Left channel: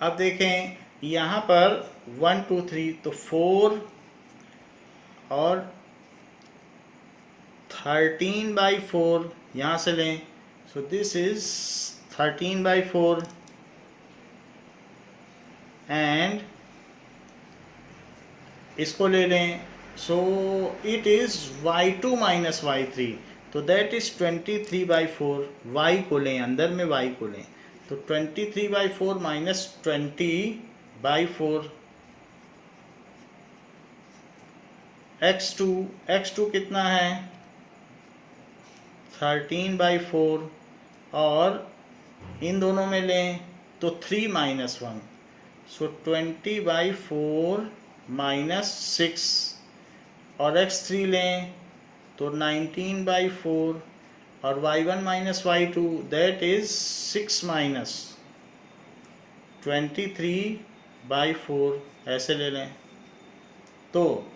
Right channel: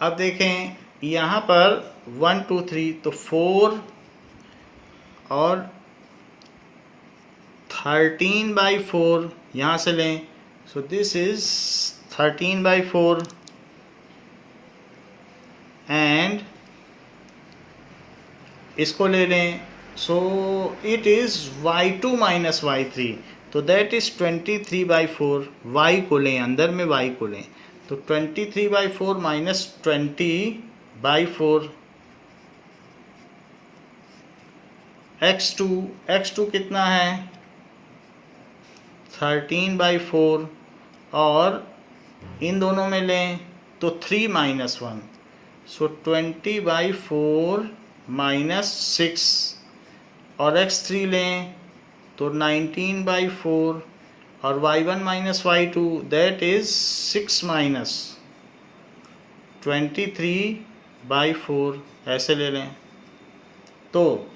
अब देखें यहाँ पर 1 2 3 तो 4 और 13/4 यहाँ से लें, सो दिस इज 13/4 एंड इसको ले लें, so it is y2 minus y3, तो दैट इज 23/4। y को लें, अंदर में y को लें, तो 23/4 माइनस 20/4 x2 कितना है 13/4 और इन दोनों में लें तो 3 माइनस 1, सो 20/4 माइनस 6 और x3 लें तो 19/4 और y1 minus y2 that is 6 minus 23/4 ऐसे ले लें। तो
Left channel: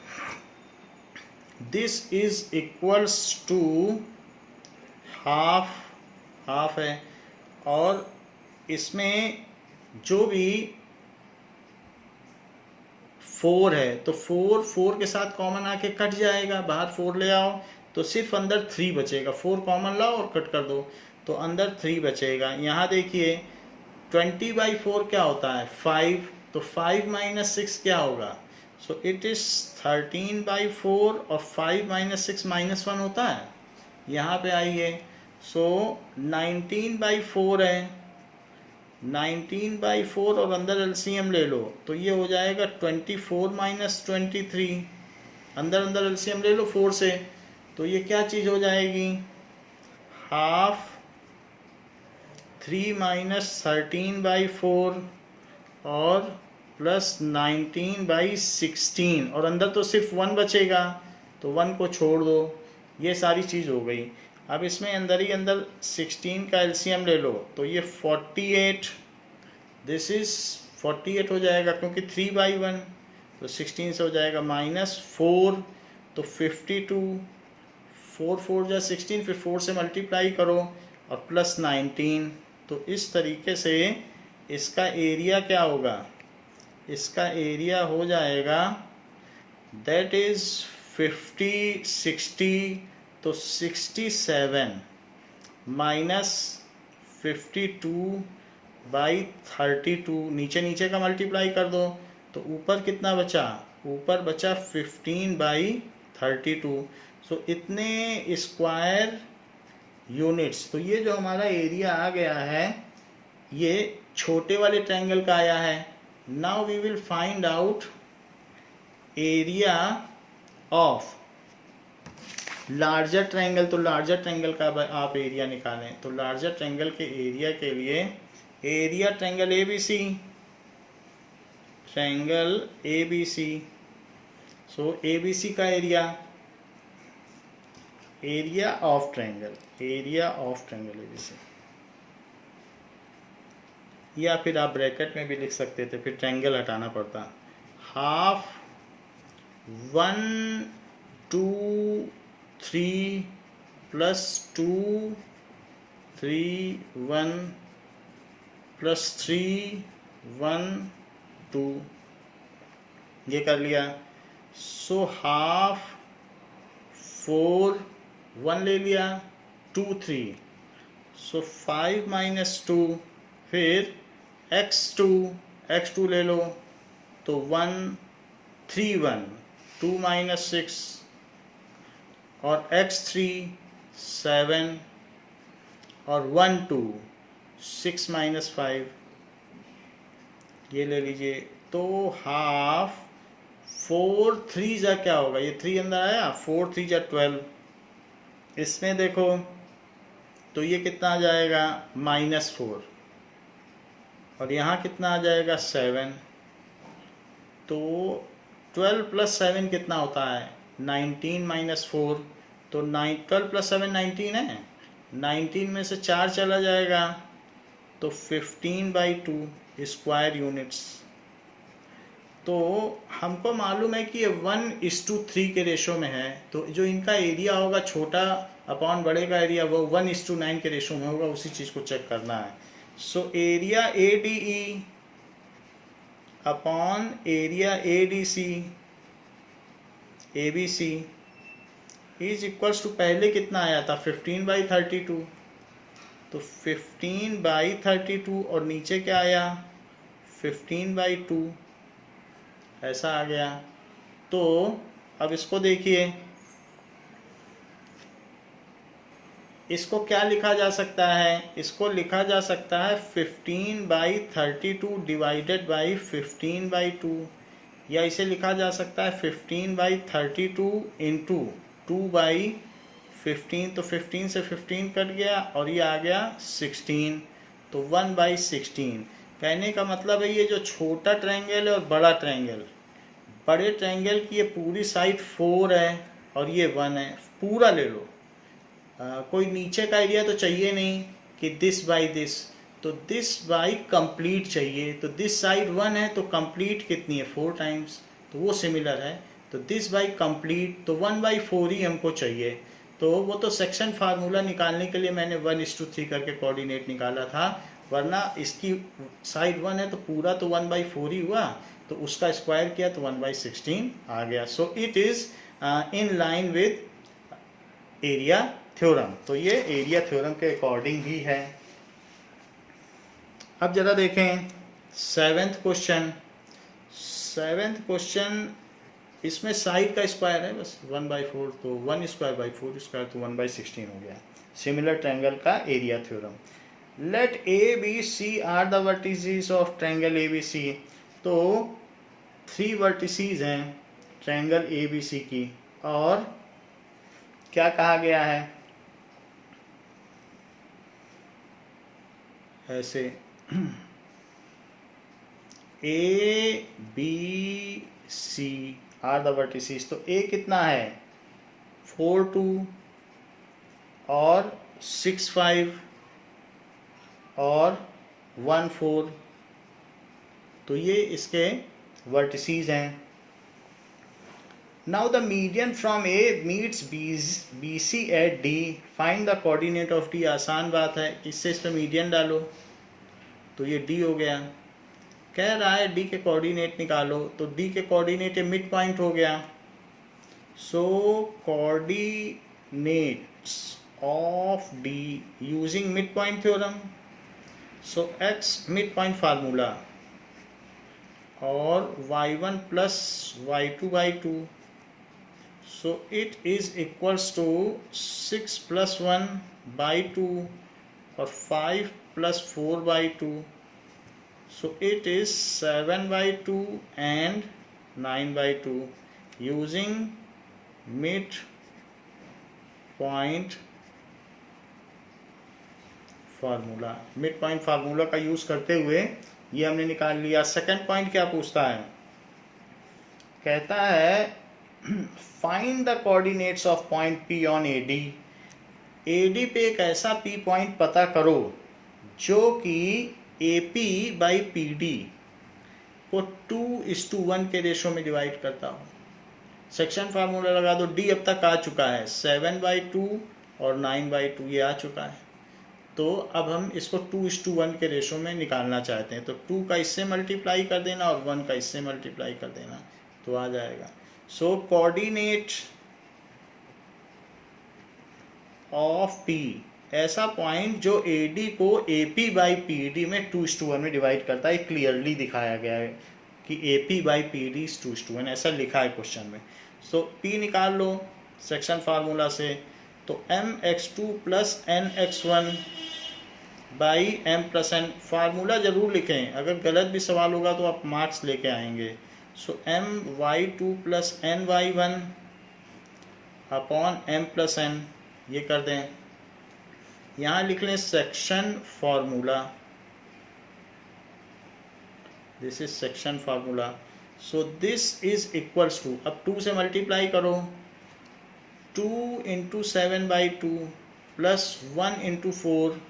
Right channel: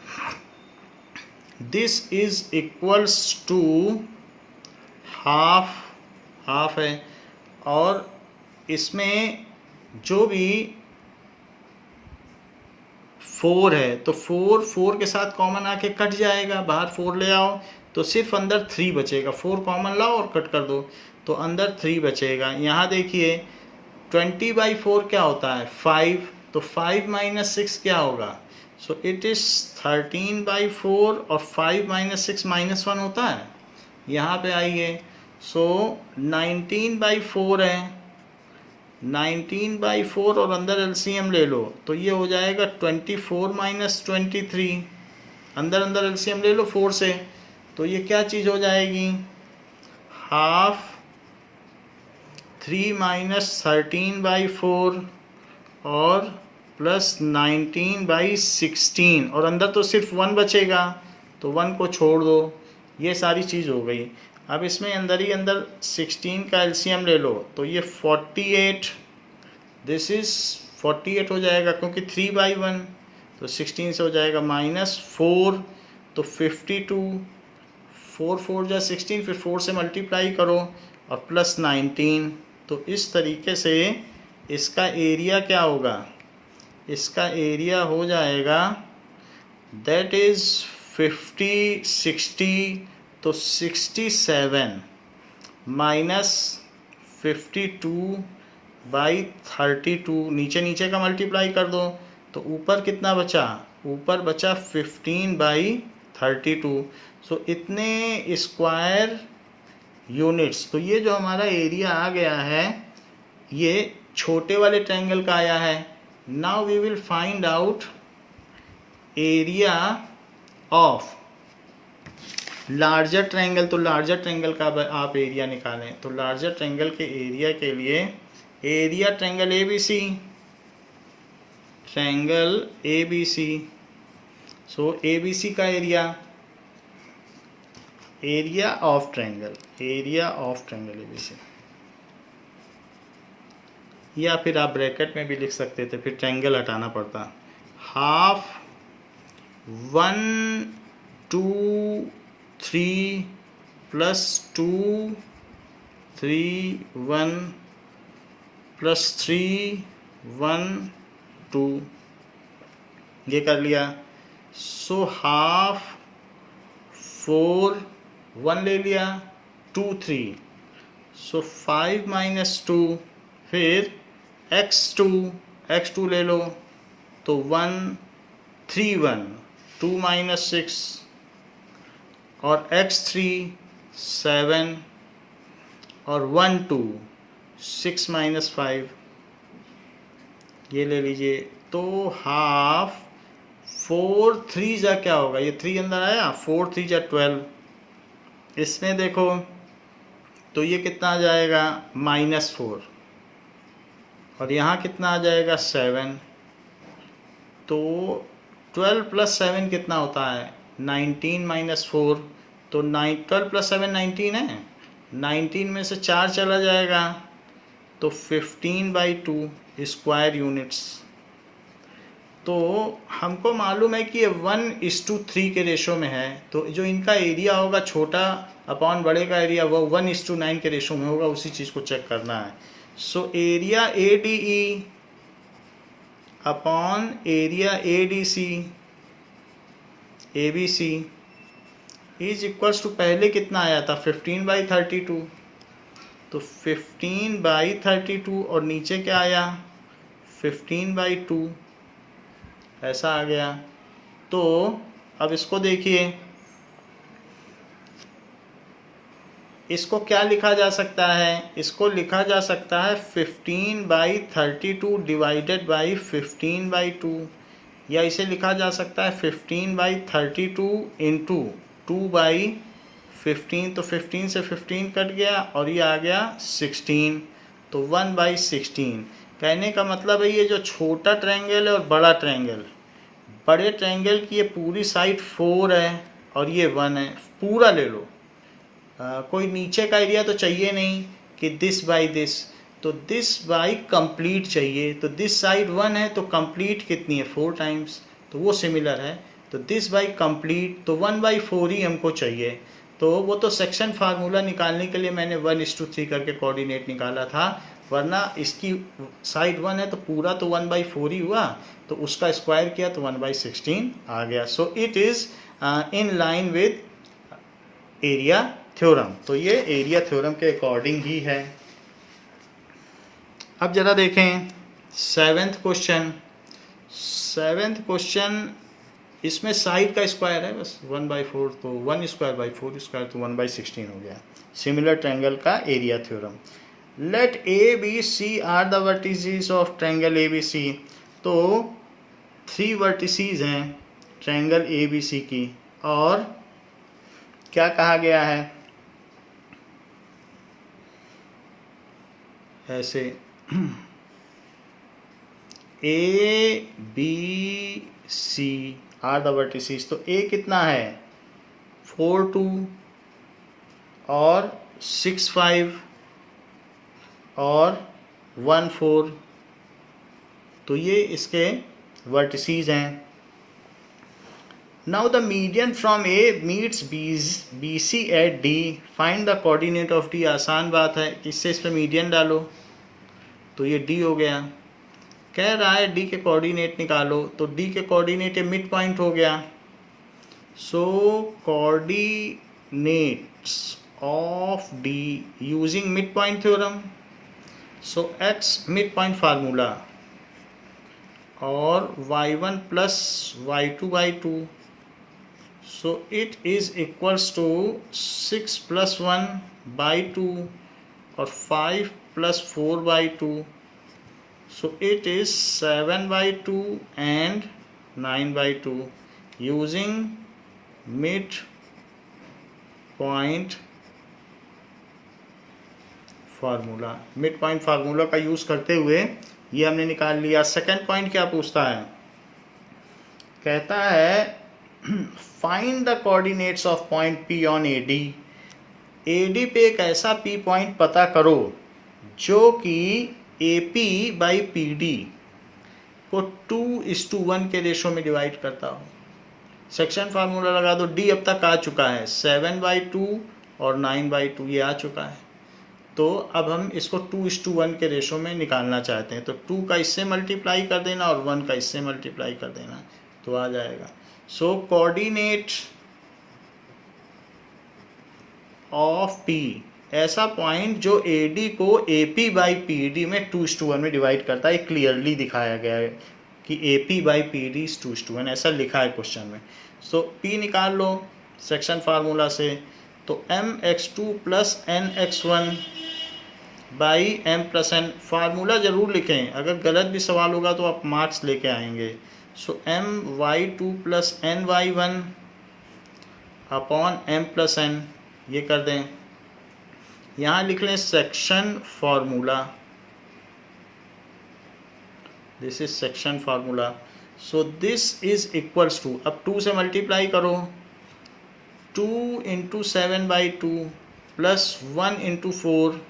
this is equals to half है, और इसमें जो भी 4 है तो 4 के साथ कॉमन आके कट जाएगा, बाहर 4 ले आओ तो सिर्फ अंदर 3 बचेगा, 4 कॉमन लाओ और कट कर दो तो अंदर 3 बचेगा। यहाँ देखिए 20/4 क्या होता है 5, तो 5 माइनस 6 क्या होगा, सो इट इज 13/4 और 5 माइनस 6 माइनस 1 होता है। यहाँ पे आइए, सो 19/4 है, 19/4 और अंदर एलसीएम ले लो तो ये हो जाएगा 24 माइनस 23, अंदर एलसीएम ले लो 4 से, तो ये क्या चीज़ हो जाएगी हाफ 3 माइनस 13/4 और प्लस 19/16 और अंदर तो सिर्फ 1 बचेगा तो 1 को छोड़ दो, ये सारी चीज़ हो गई। अब इसमें अंदर ही अंदर 16 का एलसीएम ले लो तो ये 48, दिस इज 48 हो जाएगा क्योंकि 3/1 तो 16 से हो जाएगा माइनस 4 तो 52, 4 जा 16, फिर 4 से मल्टीप्लाई करो और प्लस 19, तो इस तरीके से इसका एरिया क्या होगा, इसका एरिया हो जाएगा दैट इज 50 60 तो 67 माइनस 52/32, नीचे का मल्टीप्लाई कर दो तो ऊपर कितना बचा, ऊपर बचा 15/32, सो इतने स्क्वायर यूनिट्स। तो ये जो हमारा एरिया आ गया है ये छोटे वाले ट्रायंगल का आया है। Now we will find out area of larger triangle. तो लार्जर ट्रायंगल का आप एरिया निकालें, तो लार्जर ट्रायंगल के एरिया के लिए एरिया ट्रायंगल ABC, सो ABC का एरिया ऑफ ट्रायंगल ABC, या फिर आप ब्रैकेट में भी लिख सकते थे, फिर ट्रायंगल हटाना पड़ता, हाफ 1 2 3 प्लस 2 3 1 प्लस 3 1 2, ये कर लिया। सो हाफ 4 1 ले लिया 2 3, सो 5 माइनस 2, फिर x2 ले लो तो 1 3 1 2 माइनस 6 और x3 7 और 1 2 6 माइनस 5, ये ले लीजिए। तो हाफ 4 3 जा क्या होगा, ये 3 अंदर आया, 4 3 जा 12, इसमें देखो तो ये कितना आ जाएगा -4 और यहाँ कितना आ जाएगा 7, तो 12 प्लस 7 कितना होता है 19 माइनस 4, तो 12 प्लस 7 19 है, 19 में से 4 चला जाएगा तो 15/2 स्क्वायर यूनिट्स। तो हमको मालूम है कि ये 1:3 के रेशो में है, तो जो इनका एरिया होगा छोटा अपॉन बड़े का एरिया वो 1:9 के रेशो में होगा, उसी चीज़ को चेक करना है। So area ADE upon area ADC ABC is equals to, पहले कितना आया था 15/32, तो 15/32 और नीचे क्या आया 15/2, ऐसा आ गया। तो अब इसको देखिए, इसको क्या लिखा जा सकता है, इसको लिखा जा सकता है 15/32 डिवाइडेड बाई 15/2, या इसे लिखा जा सकता है 15/32 इंटू 2/15, तो 15 से 15 कट गया और ये आ गया 16, तो 1/16। कहने का मतलब है ये जो छोटा ट्रायंगल है और बड़ा ट्रायंगल, बड़े ट्रायंगल की ये पूरी साइड 4 है और ये 1 है, पूरा ले लो। कोई नीचे का एरिया तो चाहिए नहीं कि दिस बाई दिस, तो दिस बाई कंप्लीट चाहिए, तो दिस साइड 1 है तो कंप्लीट कितनी है 4 टाइम्स, तो वो सिमिलर है। तो दिस बाई कंप्लीट तो 1/4 ही हमको चाहिए। तो वो तो सेक्शन फार्मूला निकालने के लिए मैंने 1:3 करके कोऑर्डिनेट निकाला था, वरना इसकी साइड 1 है तो पूरा तो 1/4 ही हुआ, तो उसका स्क्वायर किया तो 1/16 आ गया। So it is in line with area theorem. तो ये एरिया थ्योरम के अकॉर्डिंग ही है। अब जरा देखें सेवेंथ क्वेश्चन। इसमें साइड का स्क्वायर है बस 1/4, तो 1²/4² तो 1/16 हो गया। सिमिलर ट्रायंगल का area theorem. Let ABC are the vertices of triangle ABC। तो 3 वर्टिसेस हैं ट्रायंगल ABC की, और क्या कहा गया है, ऐसे ABC आर द वर्टिसेस। तो A कितना है 4 2 और 6 5 और 1 4, तो ये इसके वर्टिसेस हैं। Now the median from A meets BC at D, find the coordinate of D। आसान बात है, इससे इस पर मीडियन डालो तो ये D हो गया। कह रहा है D के कोऑर्डिनेट निकालो, तो D के कोऑर्डिनेट मिड पॉइंट हो गया। So coordinates of D using mid point theorem. So X mid point formula और y1 plus y2/2, so it is equals to 6 + 1/2 और 5 + 4/2, so it is 7/2 and 9/2 using mid point formula. Mid point formula का use करते हुए ये हमने निकाल लिया। Second point क्या पूछता है, कहता है find the coordinates of point P on AD। AD पे एक ऐसा P पॉइंट पता करो जो कि AP/PD को 2:1 के रेशो में डिवाइड करता हो। सेक्शन फार्मूला लगा दो। D अब तक आ चुका है 7/2 और 9/2, ये आ चुका है। तो अब हम इसको 2:1 के रेशो में निकालना चाहते हैं, तो 2 का इससे मल्टीप्लाई कर देना और 1 का इससे मल्टीप्लाई कर देना, तो आ जाएगा। सो कोऑर्डिनेट ऑफ P, ऐसा पॉइंट जो AD को AP/PD में 2:1 में डिवाइड करता है, क्लियरली दिखाया गया है कि AP/PD इज 2:1, ऐसा लिखा है क्वेश्चन में। सो P निकाल लो सेक्शन फार्मूला से, तो mx2 + nx1 m + n। Formula ज़रूर लिखें, अगर गलत भी सवाल होगा तो आप मार्क्स लेके आएंगे। सो my2 + ny1 upon m + n, ये कर दें। यहाँ लिख लें section formula, this is section formula. So this is equals to, अब 2 से मल्टीप्लाई करो, 2 × 7/2 + 1 × 4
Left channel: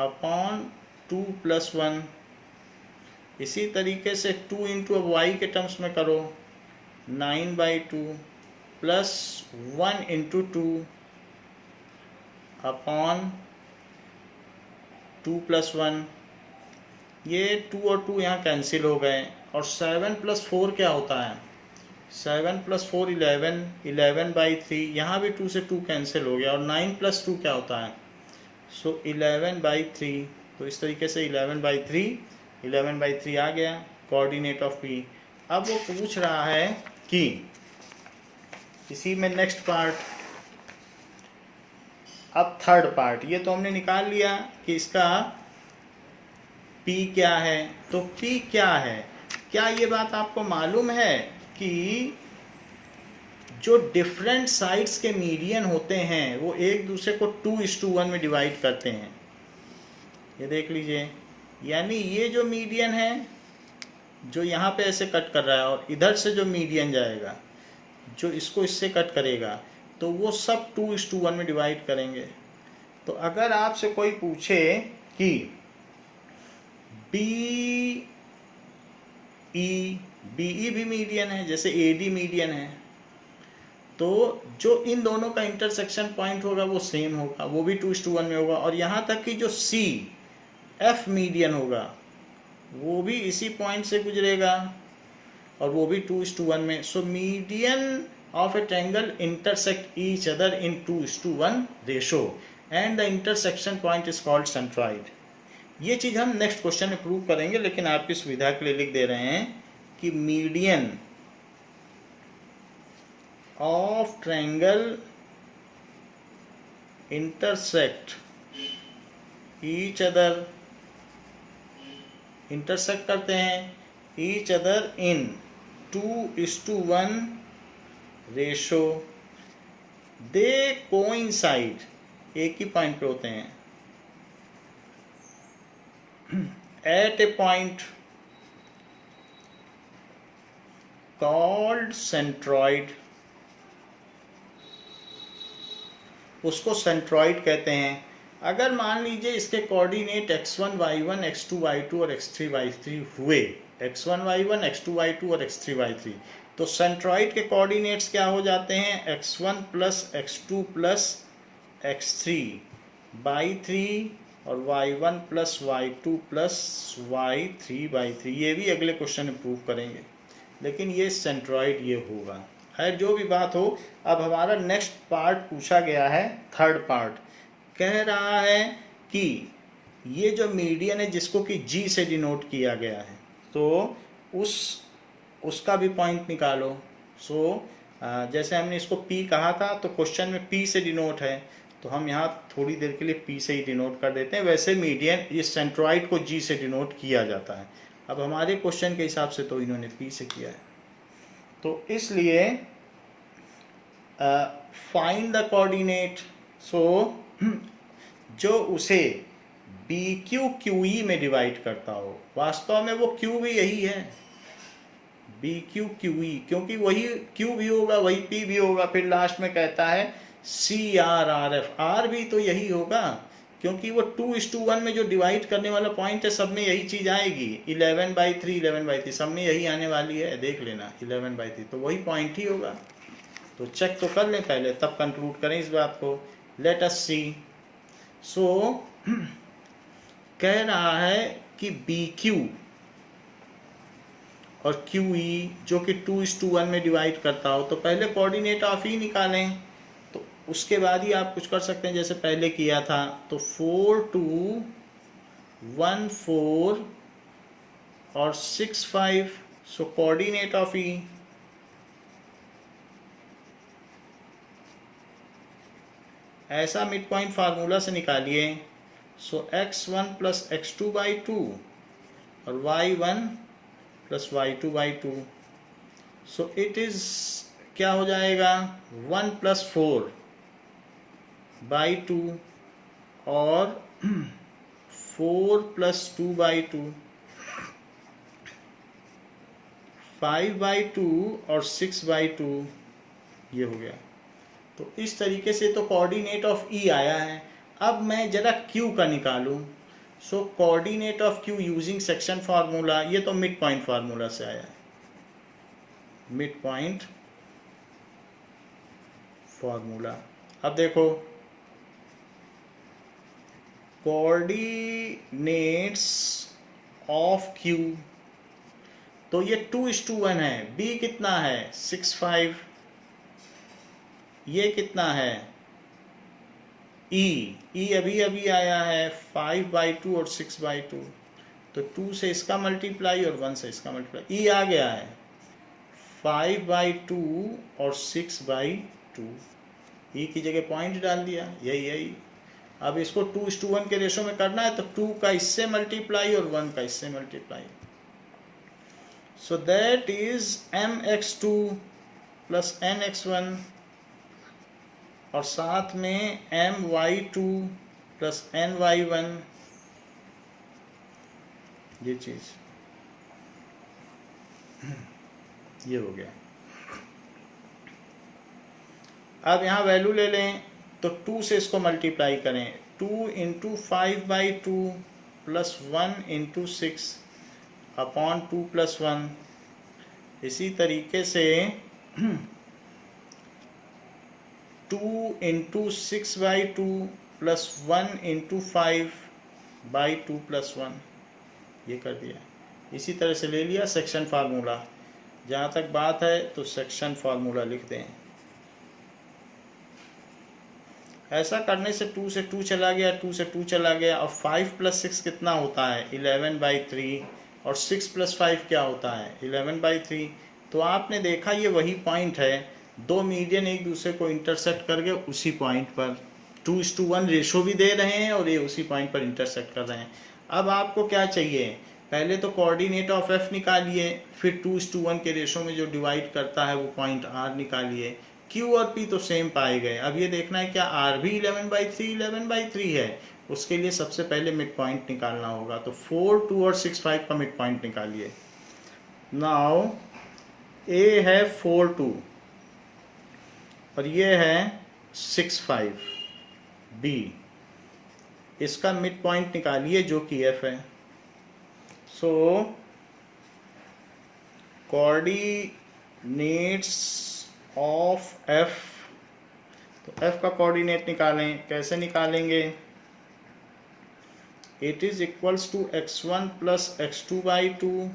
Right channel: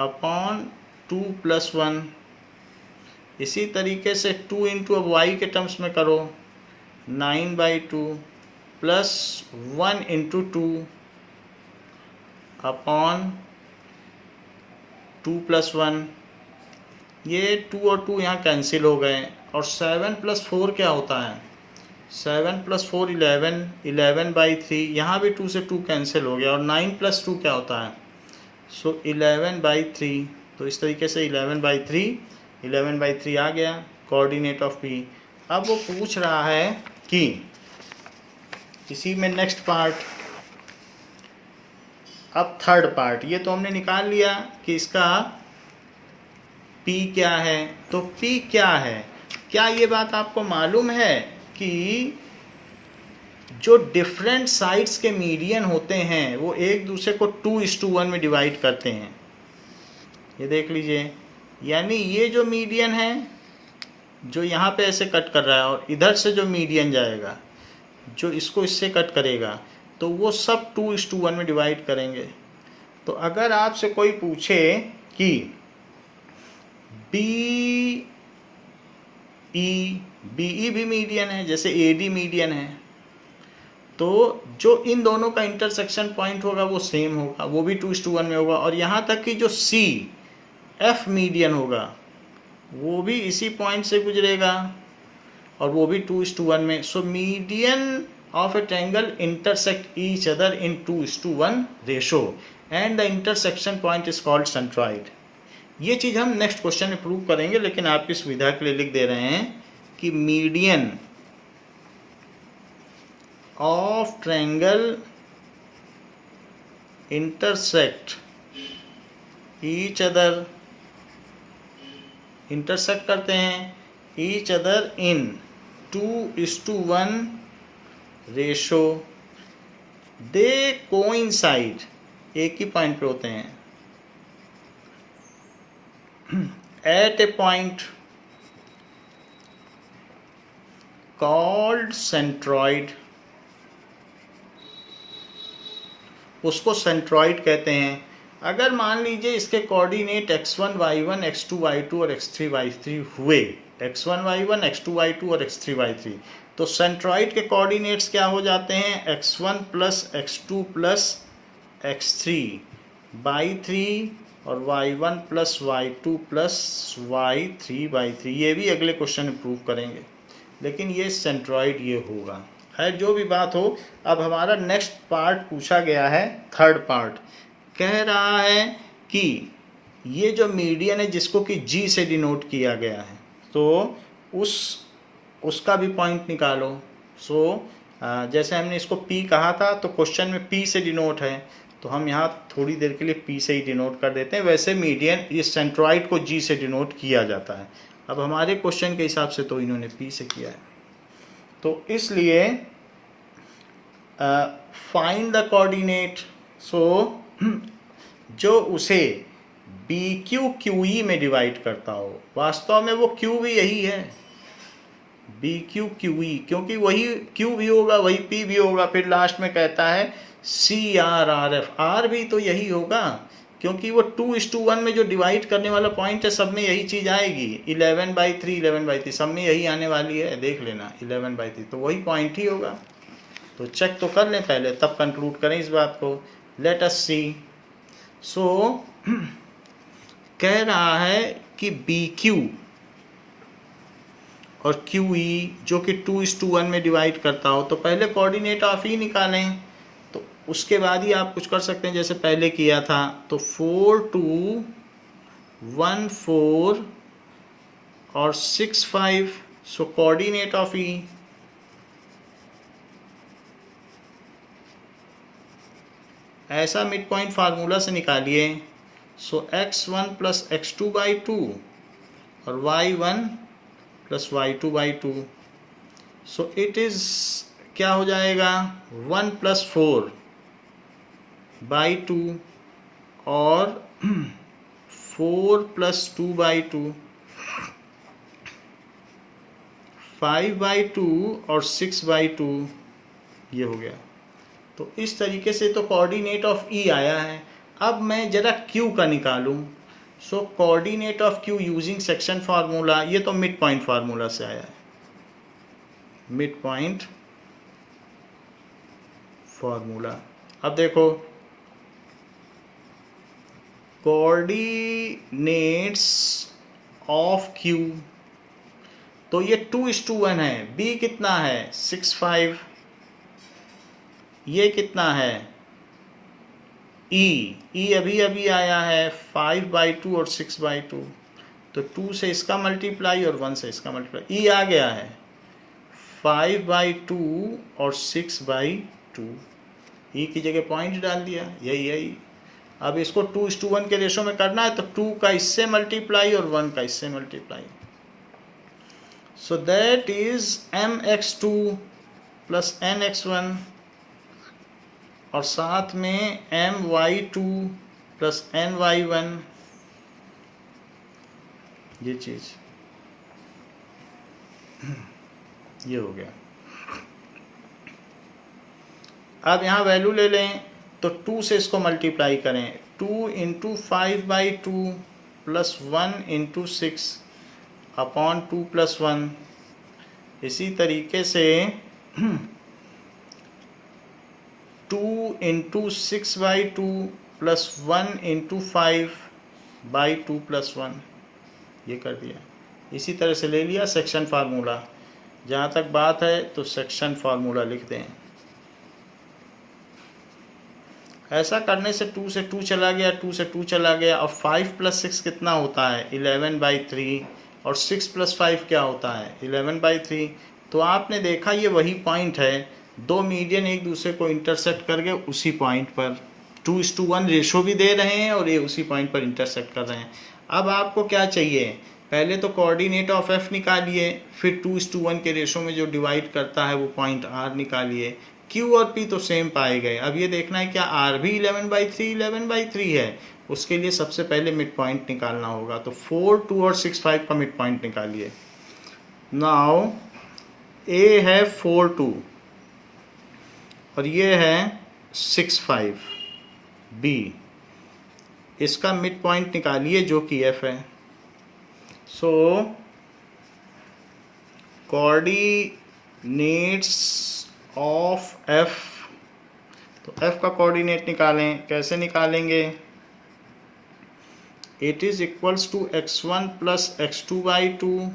अपॉन 2 + 1। इसी तरीके से 2 × अब y के टर्म्स में करो, 9/2 + 1 × 2 अपॉन 2 + 1। ये 2 और 2 यहाँ कैंसिल हो गए। और 7 + 4 क्या होता है? 7 + 4 11, 11/3, यहाँ भी 2 से 2 कैंसिल हो गया। और 9 + 2 क्या होता है? सो 11/3। तो इस तरीके से 11/3 आ गया कोऑर्डिनेट ऑफ पी। अब वो पूछ रहा है कि इसी में नेक्स्ट पार्ट, अब थर्ड पार्ट, ये तो हमने निकाल लिया कि इसका P क्या है। तो P क्या है? क्या ये बात आपको मालूम है कि जो डिफरेंट साइड्स के मीडियन होते हैं वो एक दूसरे को 2:1 में डिवाइड करते हैं। ये देख लीजिए, यानी ये जो मीडियन है जो यहाँ पे ऐसे कट कर रहा है और इधर से जो मीडियन जाएगा जो इसको इससे कट करेगा, तो वो सब 2:1 में डिवाइड करेंगे। तो अगर आपसे कोई पूछे कि BE भी मीडियन है, जैसे AD मीडियन है, तो जो इन दोनों का इंटरसेक्शन पॉइंट होगा वो सेम होगा, वो भी 2:1 में होगा। और यहाँ तक कि जो CF मीडियन होगा वो भी इसी पॉइंट से गुजरेगा और वो भी 2:1 में। So median of A triangle intersect each other in 2:1 ratio and the intersection point is called centroid. ये चीज़ हम नेक्स्ट क्वेश्चन में प्रूव करेंगे, लेकिन आपकी सुविधा के लिए लिख दे रहे हैं कि median of triangle intersect each other, intersect करते हैं each other in 2:1 ratio, they coincide, एक ही पॉइंट पे होते हैं, एट ए पॉइंट कॉल्ड सेंट्रॉइड, उसको सेंट्रॉइड कहते हैं। अगर मान लीजिए इसके coordinate x1 y1 x2 y2 और x3 y3 हुए, x1 y1 x2 y2 और x3 y3, तो सेंट्रॉइड के कोऑर्डिनेट्स क्या हो जाते हैं? x1 + x2 + x3 y3 और y1 + y2 + y3/3। ये भी अगले क्वेश्चन में प्रूव करेंगे, लेकिन ये सेंट्रॉइड ये होगा। है जो भी बात हो, अब हमारा नेक्स्ट पार्ट पूछा गया है, थर्ड पार्ट कह रहा है कि ये जो मीडियन है जिसको कि G से डिनोट किया गया है, तो उसका भी पॉइंट निकालो। जैसे हमने इसको P कहा था, तो क्वेश्चन में P से डिनोट है, तो हम यहाँ थोड़ी देर के लिए P से ही डिनोट कर देते हैं। वैसे मीडियन इस सेंट्रॉइड को G से डिनोट किया जाता है। अब हमारे क्वेश्चन के हिसाब से तो इन्होंने P से किया है, तो इसलिए फाइंड द कोऑर्डिनेट। जो उसे BQQE में डिवाइड करता हो, वास्तव में वो Q भी यही है, BQQE, क्योंकि वही Q भी होगा वही P भी होगा। फिर लास्ट में कहता है CRRF, R भी तो यही होगा, क्योंकि वो 2:1 में जो डिवाइड करने वाला पॉइंट है सब में यही चीज़ आएगी। 11/3 11/3 सब में यही आने वाली है, देख लेना 11/3, तो वही पॉइंट ही होगा। तो चेक तो कर लें पहले, तब कंक्लूड करें इस बात को। लेट अस सी। कह रहा है कि BQ और QE जो कि 2:1 में डिवाइड करता हो, तो पहले कोऑर्डिनेट ऑफ E निकालें, तो उसके बाद ही आप कुछ कर सकते हैं जैसे पहले किया था। तो 4 2 1 4 और 6 5, सो कोऑर्डिनेट ऑफ E ऐसा मिड पॉइंट फार्मूला से निकालिए। सो x1 + x2/2 और y1 + y2/2, so it is क्या हो जाएगा? 1 + 4/2 और 4 + 2/2, 5/2 और 6/2, ये हो गया। तो इस तरीके से तो कोऑर्डिनेट ऑफ E आया है। अब मैं ज़रा Q का निकालूं। So coordinate of Q using section formula, ये तो मिड पॉइंट फार्मूला से आया है, मिड पॉइंट फार्मूला। अब देखो, कोऑर्डिनेट्स ऑफ Q, तो ये 2:1 है। B कितना है 6/5, ये कितना है E अभी अभी आया है 5/2 और 6/2, तो 2 से इसका मल्टीप्लाई और 1 से इसका मल्टीप्लाई, E आ गया है 5/2 और 6/2, E की जगह पॉइंट डाल दिया, यही। अब इसको 2:1 के रेशो में करना है, तो 2 का इससे मल्टीप्लाई और 1 का इससे multiply, so that is mx2 plus nx1 और साथ में my2 प्लस ny1, ये चीज ये हो गया। अब यहाँ वैल्यू ले लें, तो 2 से इसको मल्टीप्लाई करें, 2 into 5/2 plus 1 into 6 upon 2 plus 1। इसी तरीके से 2 इंटू 6/2 प्लस 1 इंटू 5/2 प्लस 1, ये कर दिया। इसी तरह से ले लिया सेक्शन फार्मूला। जहाँ तक बात है तो सेक्शन फार्मूला लिख दें। ऐसा करने से 2 से 2 चला गया, 2 से 2 चला गया, और 5 प्लस 6 कितना होता है 11/3, और 6 प्लस 5 क्या होता है 11/3। तो आपने देखा ये वही पॉइंट है, दो मीडियन एक दूसरे को इंटरसेक्ट कर गए उसी पॉइंट पर, 2:1 रेशो भी दे रहे हैं और ये उसी पॉइंट पर इंटरसेक्ट कर रहे हैं। अब आपको क्या चाहिए, पहले तो कोऑर्डिनेट ऑफ एफ निकालिए, फिर 2:1 के रेशो में जो डिवाइड करता है वो पॉइंट आर निकालिए। क्यू और पी तो सेम पाए गए, अब ये देखना है क्या आर भी 11/3 है। उसके लिए सबसे पहले मिड पॉइंट निकालना होगा, तो 4, 2 और 6, 5 का मिड पॉइंट निकालिए। नाउ ए है 4, 2 और ये है 6, 5, बी, इसका मिड पॉइंट निकालिए जो कि एफ है। सो कोऑर्डिनेट्स ऑफ एफ, तो एफ का कोऑर्डिनेट निकालें, कैसे निकालेंगे, it is equals to x1 plus x2/2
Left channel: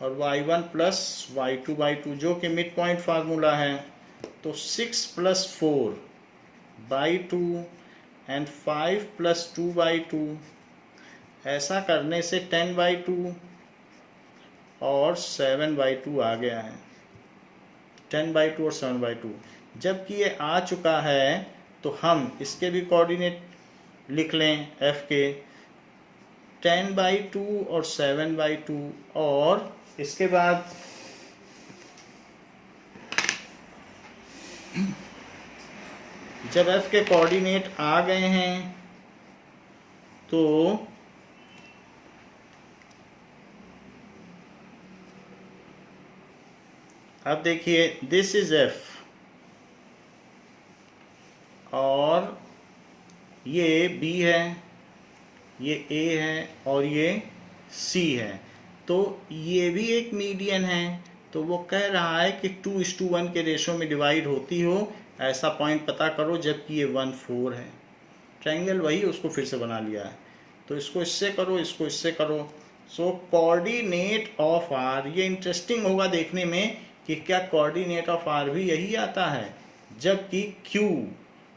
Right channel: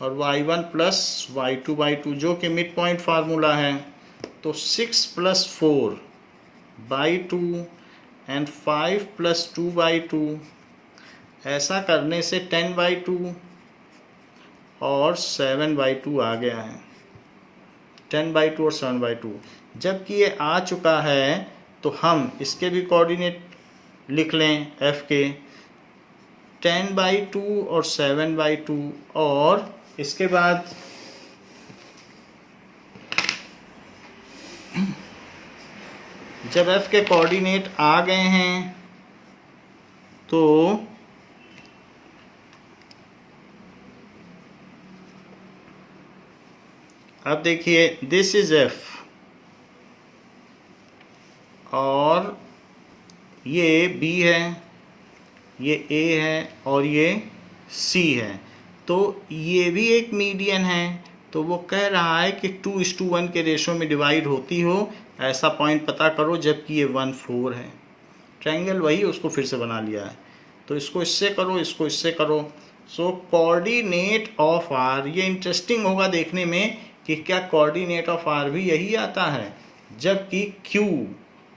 और y1 प्लस y2/2, जो कि मिड पॉइंट फार्मूला है। तो 6 प्लस 4/2 एंड 5 प्लस 2/2, ऐसा करने से 10/2 और 7/2 आ गया है, 10/2 और 7/2। जबकि ये आ चुका है तो हम इसके भी कोऑर्डिनेट लिख लें एफ के, 10/2 और 7/2, और इसके बाद जब एफ के कोऑर्डिनेट आ गए हैं तो अब देखिए दिस इज एफ और ये बी है, ये ए है और ये सी है, तो ये भी एक मीडियन है। तो वो कह रहा है कि 2:1 के रेशो में डिवाइड होती हो ऐसा पॉइंट पता करो, जबकि ये 1, 4 है। ट्रायंगल वही उसको फिर से बना लिया है, तो इसको इससे करो, इसको इससे करो। सो कोऑर्डिनेट ऑफ आर, ये इंटरेस्टिंग होगा देखने में कि क्या कोऑर्डिनेट ऑफ आर भी यही आता है, जबकि क्यू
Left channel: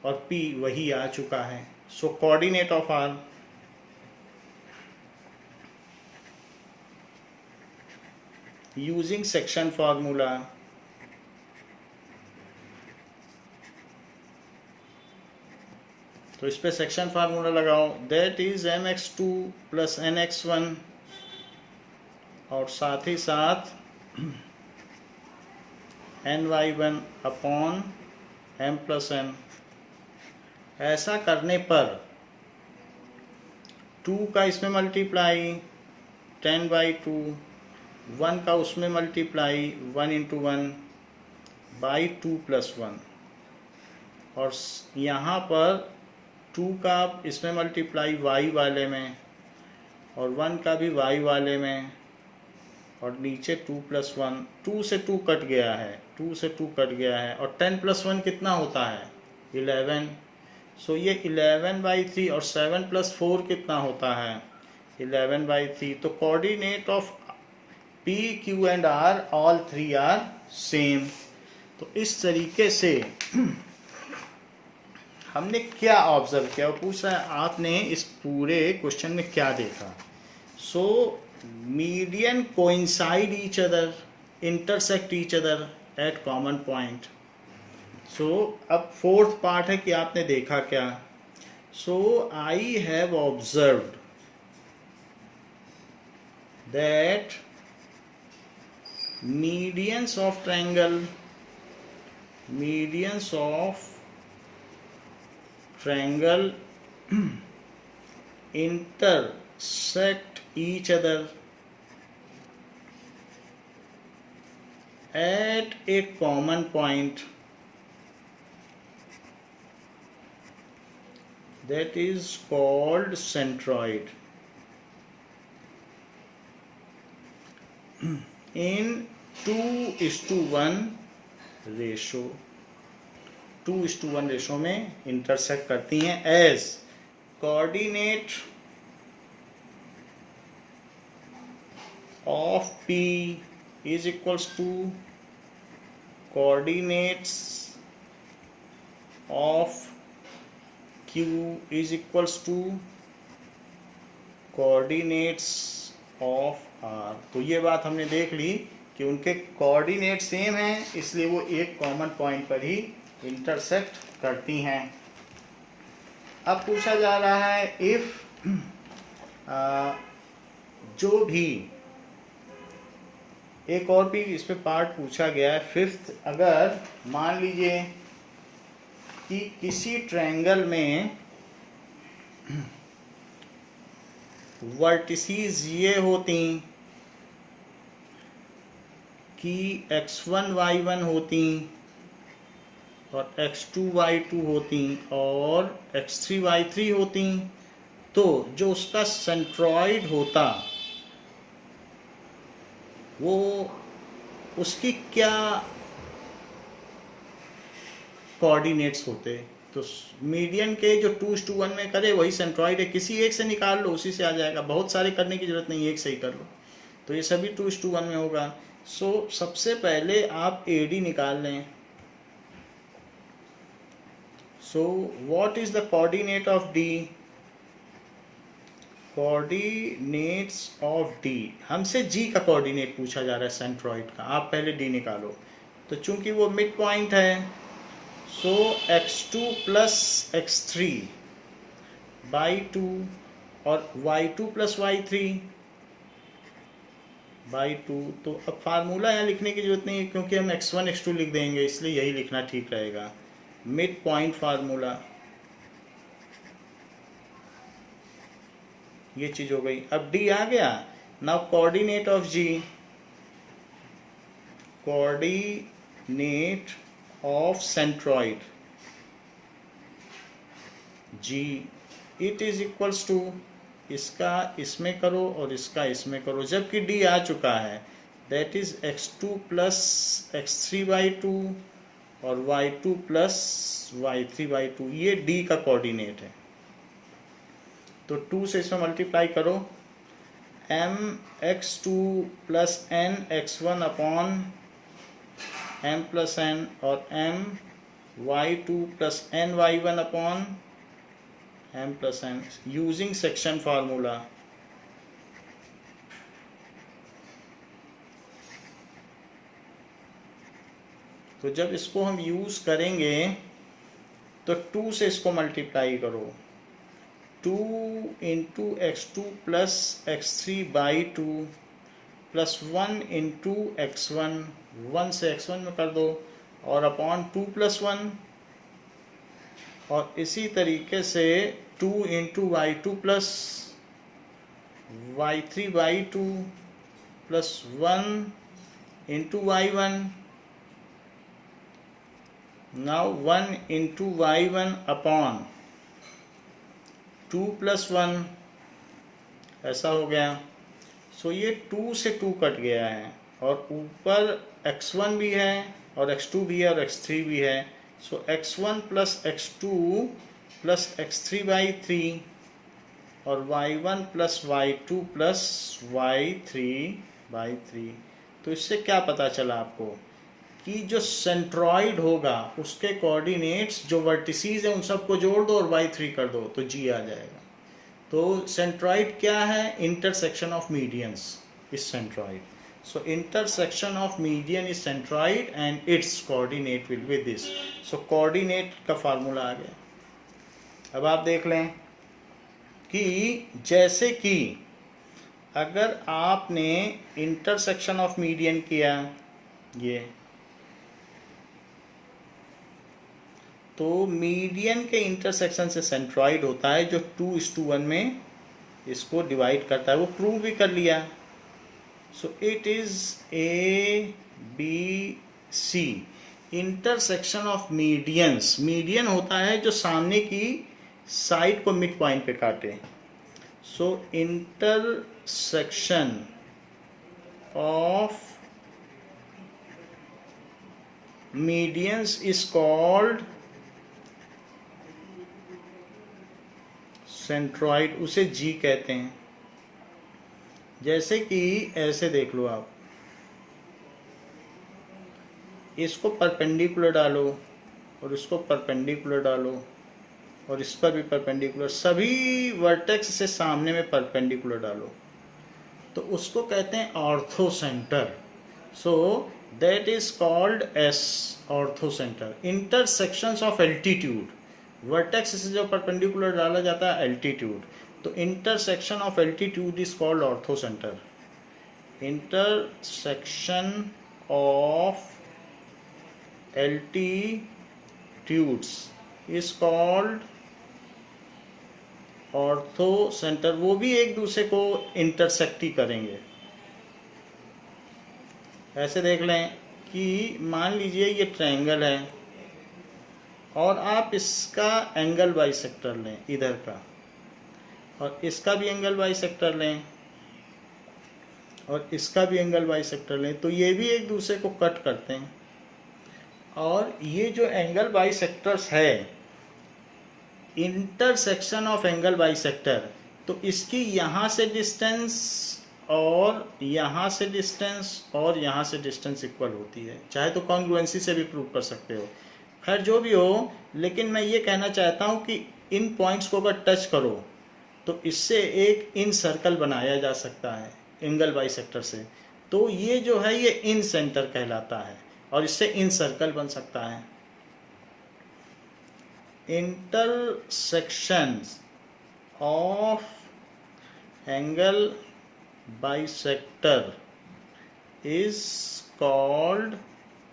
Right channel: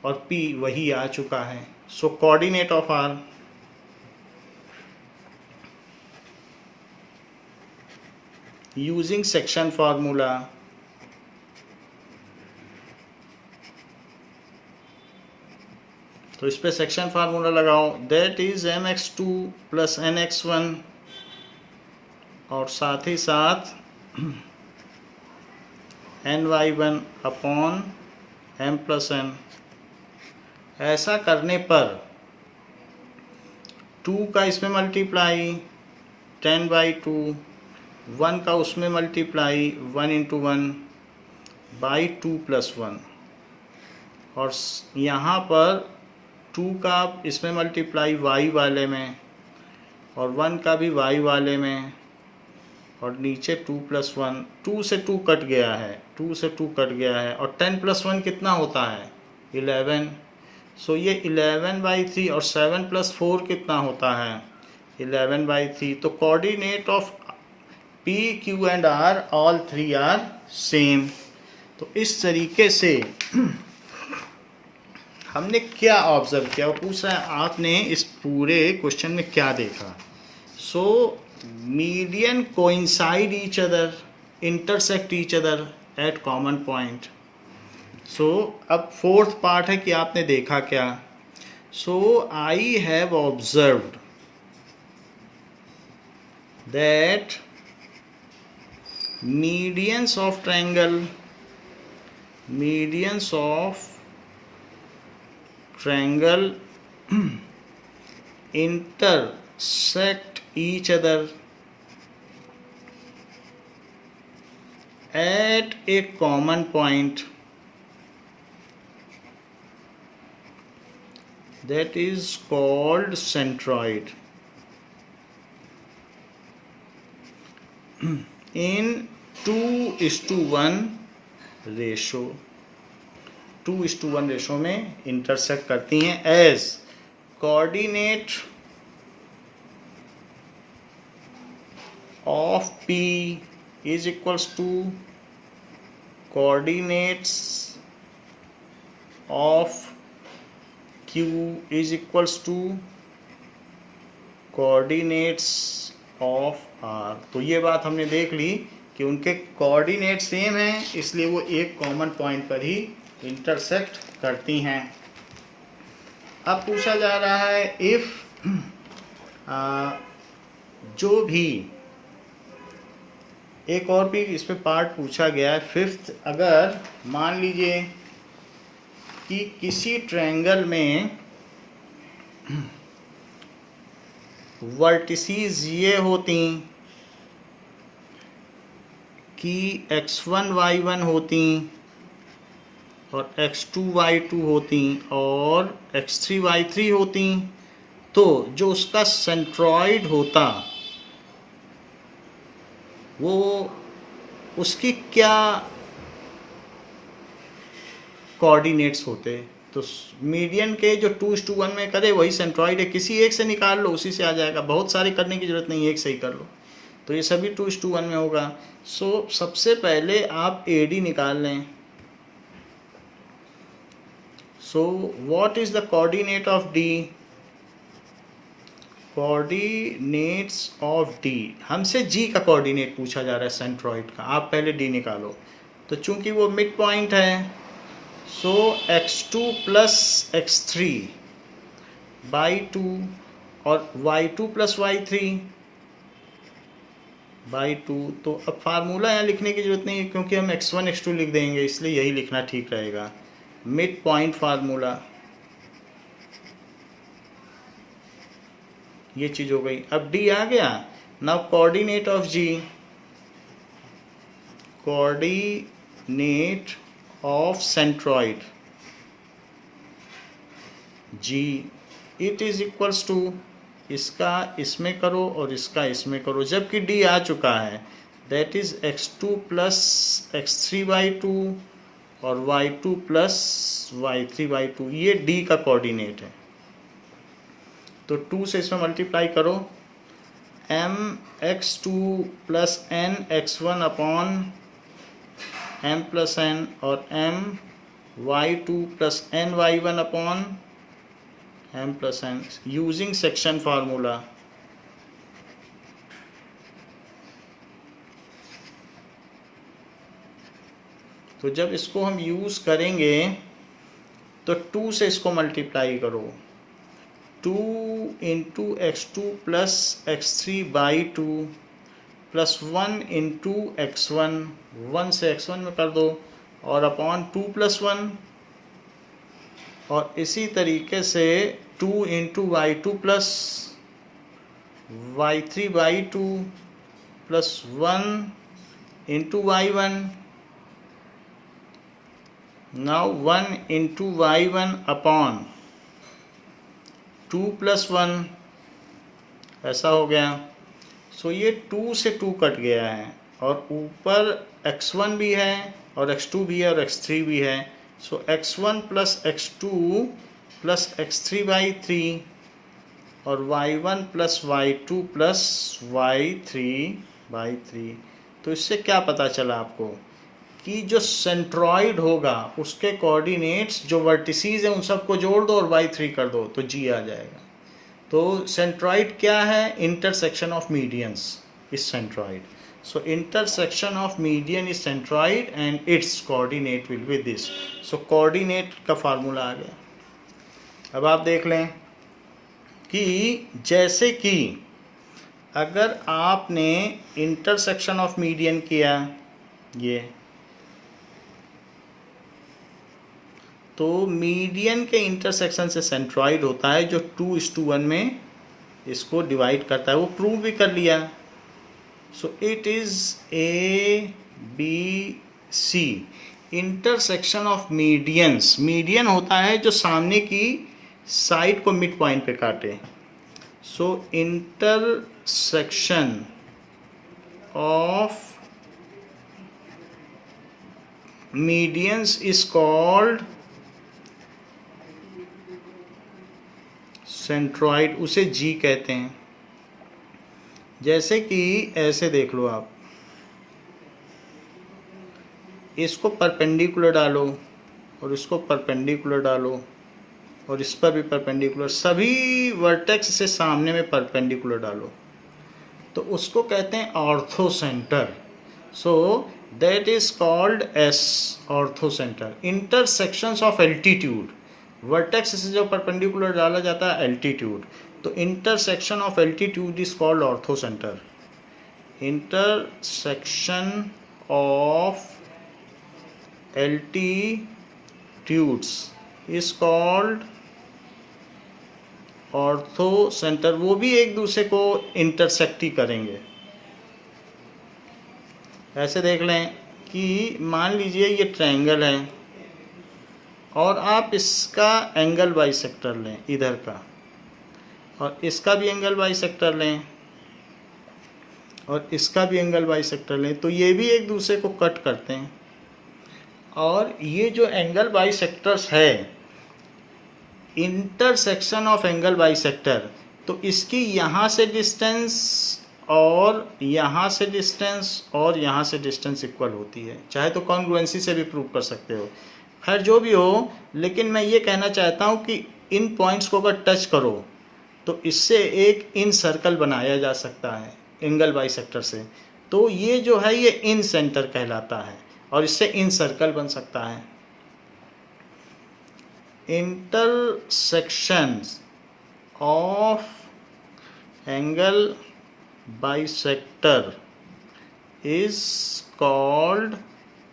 और पी वही आ चुका है। So coordinate of R, using section formula, तो इस पे सेक्शन फार्मूला लगाओ, that is mx2 plus nx1 और साथ ही साथ ny1 upon m plus n। ऐसा करने पर 2 का इसमें मल्टीप्लाई 10/2, 1 का उसमें मल्टीप्लाई 1 इंटू 1/2 प्लस 1, और यहाँ पर 2 का इसमें मल्टीप्लाई y वाले में और 1 का भी y वाले में, और नीचे 2 प्लस 1, 2 से 2 कट गया है, 2 से 2 कट गया है, और 10 प्लस 1 कितना होता है 11। सो ये 11/3 और 7 प्लस 4 कितना होता है 11/3. तो coordinate of P, Q and R all three are same. तो इस तरीके से हमने क्या ऑब्जर्व किया, वो पूछ रहा है आपने इस पूरे क्वेश्चन में क्या देखा. So median coincide each other, intersect each other at common point. So अब फोर्थ पार्ट है कि आपने देखा क्या. So I have observed that medians of triangle intersect each other at a common point, that is called centroid, in 2:1 ratio. 2:1 ratio में intersect करती हैं as coordinate of P is equals to coordinates of Q is equals to coordinates of R. तो ये बात हमने देख ली कि उनके कोऑर्डिनेट सेम हैं, इसलिए वो एक कॉमन पॉइंट पर ही इंटरसेक्ट करती हैं. अब पूछा जा रहा है इफ जो भी एक और भी इस पे पार्ट पूछा गया है, फिफ्थ. अगर मान लीजिए कि किसी ट्रायंगल में वर्टिसीज ये होती कि x1 y1 होती और x2 y2 होती और x3 y3 होती, तो जो उसका सेंट्रॉइड होता वो उसकी क्या कोऑर्डिनेट्स होते. तो मीडियन के जो 2:1 में करे वही सेंट्रॉइड है. किसी एक से निकाल लो, उसी से आ जाएगा. बहुत सारे करने की जरूरत नहीं, एक से ही कर लो. तो ये सभी 2:1 में होगा. सो सबसे पहले आप AD निकाल लें. So what is the coordinate of D? Coordinates of D, हमसे G का कोऑर्डिनेट पूछा जा रहा है सेंट्रॉइड का. आप पहले D निकालो. तो चूंकि वो मिड पॉइंट है, सो x2 प्लस x3 बाई 2 और y2 प्लस y3 बाई 2. तो अब फार्मूला यहाँ लिखने की जरूरत नहीं है क्योंकि हम x1 x2 लिख देंगे, इसलिए यही लिखना ठीक रहेगा. मिड पॉइंट फार्मूला, ये चीज हो गई. अब D आ गया. Now coordinate of G, coordinate of centroid G, it is equals to, इसका इसमें करो और इसका इसमें करो, जबकि D आ चुका है. That is x2 plus x3/2 और y2 प्लस y3/2. ये D का कोऑर्डिनेट है. तो 2 से इसमें मल्टीप्लाई करो. mx2 plus n x1 upon m plus n और my2 plus n y1 upon m plus n using section formula. तो जब इसको हम यूज करेंगे तो 2 से इसको मल्टीप्लाई करो. 2 into x2 plus x3/2 plus 1 into x1, 1 से x1 में कर दो और अपॉन 2 प्लस 1, और इसी तरीके से 2 into y2 plus y3/2 plus 1 into y1. Now 1 into y1 upon 2 plus 1, ऐसा हो गया. सो ये 2 से 2 कट गया है और ऊपर x1 भी है और x2 भी है और x3 भी है. सो x1 plus x2 plus x3/3 और y1 plus y2 plus y3/3। तो इससे क्या पता चला आपको कि जो सेंट्रॉइड होगा उसके कोऑर्डिनेट्स जो वर्टिसीज हैं उन सबको जोड़ दो और y3 कर दो तो g आ जाएगा। तो सेंट्रॉइड क्या है? Intersection of medians is centroid. So intersection of median is centroid and its coordinate will be this. So coordinate का फार्मूला आ गया। अब आप देख लें कि जैसे कि अगर आपने इंटरसेक्शन ऑफ मीडियन किया ये, तो मीडियन के इंटरसेक्शन से सेंट्रॉइड होता है जो 2:1 में इसको डिवाइड करता है। वो प्रूव भी कर लिया। So it is A, B, C intersection of medians. Median होता है जो सामने की साइड को मिड पॉइंट पे काटे। So intersection of medians is called centroid, उसे जी कहते हैं। जैसे कि ऐसे देख लो आप, इसको परपेंडिकुलर डालो और इसको परपेंडिकुलर डालो और इस पर भी परपेंडिकुलर, सभी वर्टेक्स से सामने में परपेंडिकुलर डालो तो उसको कहते हैं ortho centre. So that is called S ortho centre. Intersections of altitude, vertex से जो परपेंडिकुलर डाला जाता है एल्टीट्यूड, तो intersection of altitude is called ortho centre. Intersection of altitudes is called ortho centre. वो भी एक दूसरे को इंटरसेक्ट ही करेंगे। ऐसे देख लें कि मान लीजिए ये ट्रायंगल है और आप इसका एंगल बाइसेक्टर लें इधर का, और इसका भी एंगल बाइसेक्टर लें और इसका भी एंगल बाइसेक्टर लें, तो ये भी एक दूसरे को कट करते हैं। और ये जो एंगल बाइसेक्टर्स है, इंटरसेक्शन ऑफ एंगल बाइसेक्टर, तो इसकी यहाँ से डिस्टेंस और यहाँ से डिस्टेंस और यहाँ से डिस्टेंस इक्वल होती है। चाहे तो कॉन्ग्रुएंसी से भी प्रूव कर सकते हो। खैर जो भी हो, लेकिन मैं ये कहना चाहता हूँ कि इन पॉइंट्स को अगर टच करो तो इससे एक इन सर्कल बनाया जा सकता है एंगल बाइसेक्टर से। तो ये जो है ये इन सेंटर कहलाता है और इससे इन सर्कल बन सकता है। Intersections of angle bisector is called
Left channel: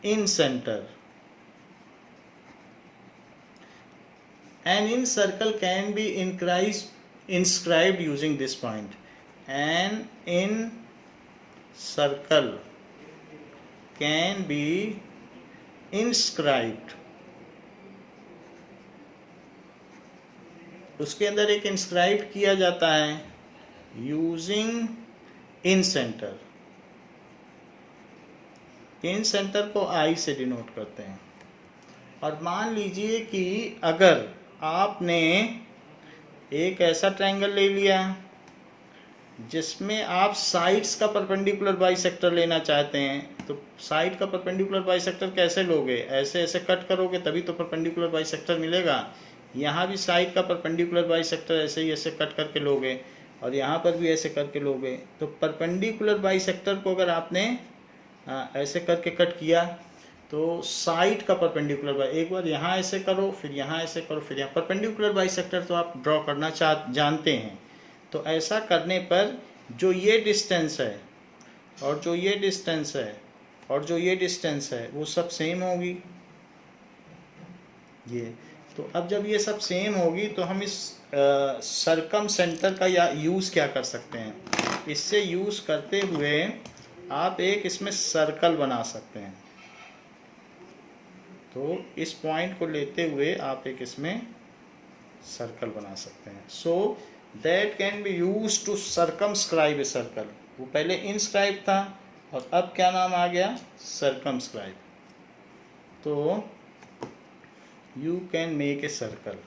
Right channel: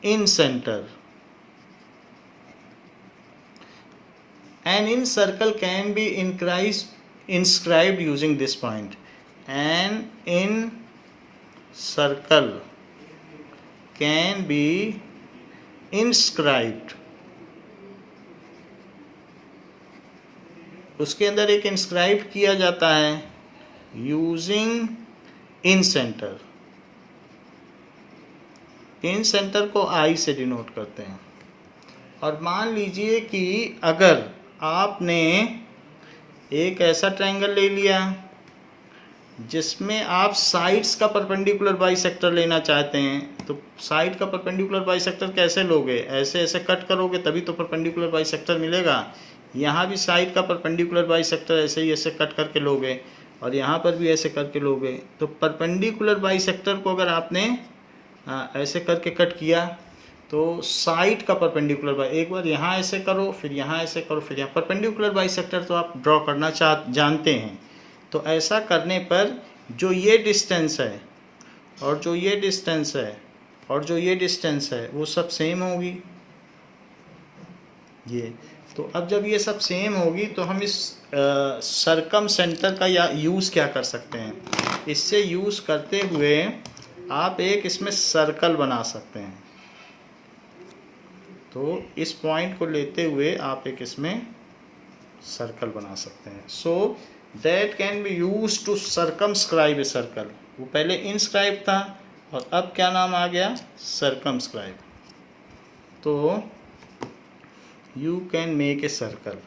in centre. An in circle can be inscribed using this point. An in circle can be inscribed. उसके अंदर एक इंस्क्राइब किया जाता है using in centre. In centre को आई से डिनोट करते हैं। और मान लीजिए कि अगर आपने एक ऐसा ट्रायंगल ले लिया जिसमें आप साइड्स का परपेंडिकुलर बाइसेक्टर लेना चाहते हैं, तो साइड का परपेंडिकुलर बाइसेक्टर कैसे लोगे? ऐसे ऐसे कट करोगे तभी तो परपेंडिकुलर बाइसेक्टर मिलेगा। यहाँ भी साइड का परपेंडिकुलर बाइसेक्टर ऐसे ही ऐसे कट करके लोगे और यहाँ पर भी ऐसे करके लोगे। तो परपेंडिकुलर बाइसेक्टर को अगर आपने ऐसे करके कट किया तो साइड का परपेंडिकुलर बाई, एक बार यहाँ ऐसे करो फिर यहाँ ऐसे करो फिर यहाँ, परपेंडिकुलर बाइसेक्टर तो आप ड्रॉ करना जानते हैं। तो ऐसा करने पर जो ये डिस्टेंस है और जो ये डिस्टेंस है और जो ये डिस्टेंस है वो सब सेम होगी। ये तो अब जब ये सब सेम होगी तो हम इस सरकम सेंटर का या यूज़ क्या कर सकते हैं? इससे यूज़ करते हुए आप एक इसमें सर्कल बना सकते हैं। तो इस पॉइंट को लेते हुए आप एक इसमें सर्कल बना सकते हैं। So that can be use to circumscribe a circle. वो पहले इनस्क्राइब था और अब क्या नाम आ गया? सर्कमस्क्राइब। तो you can make a circle.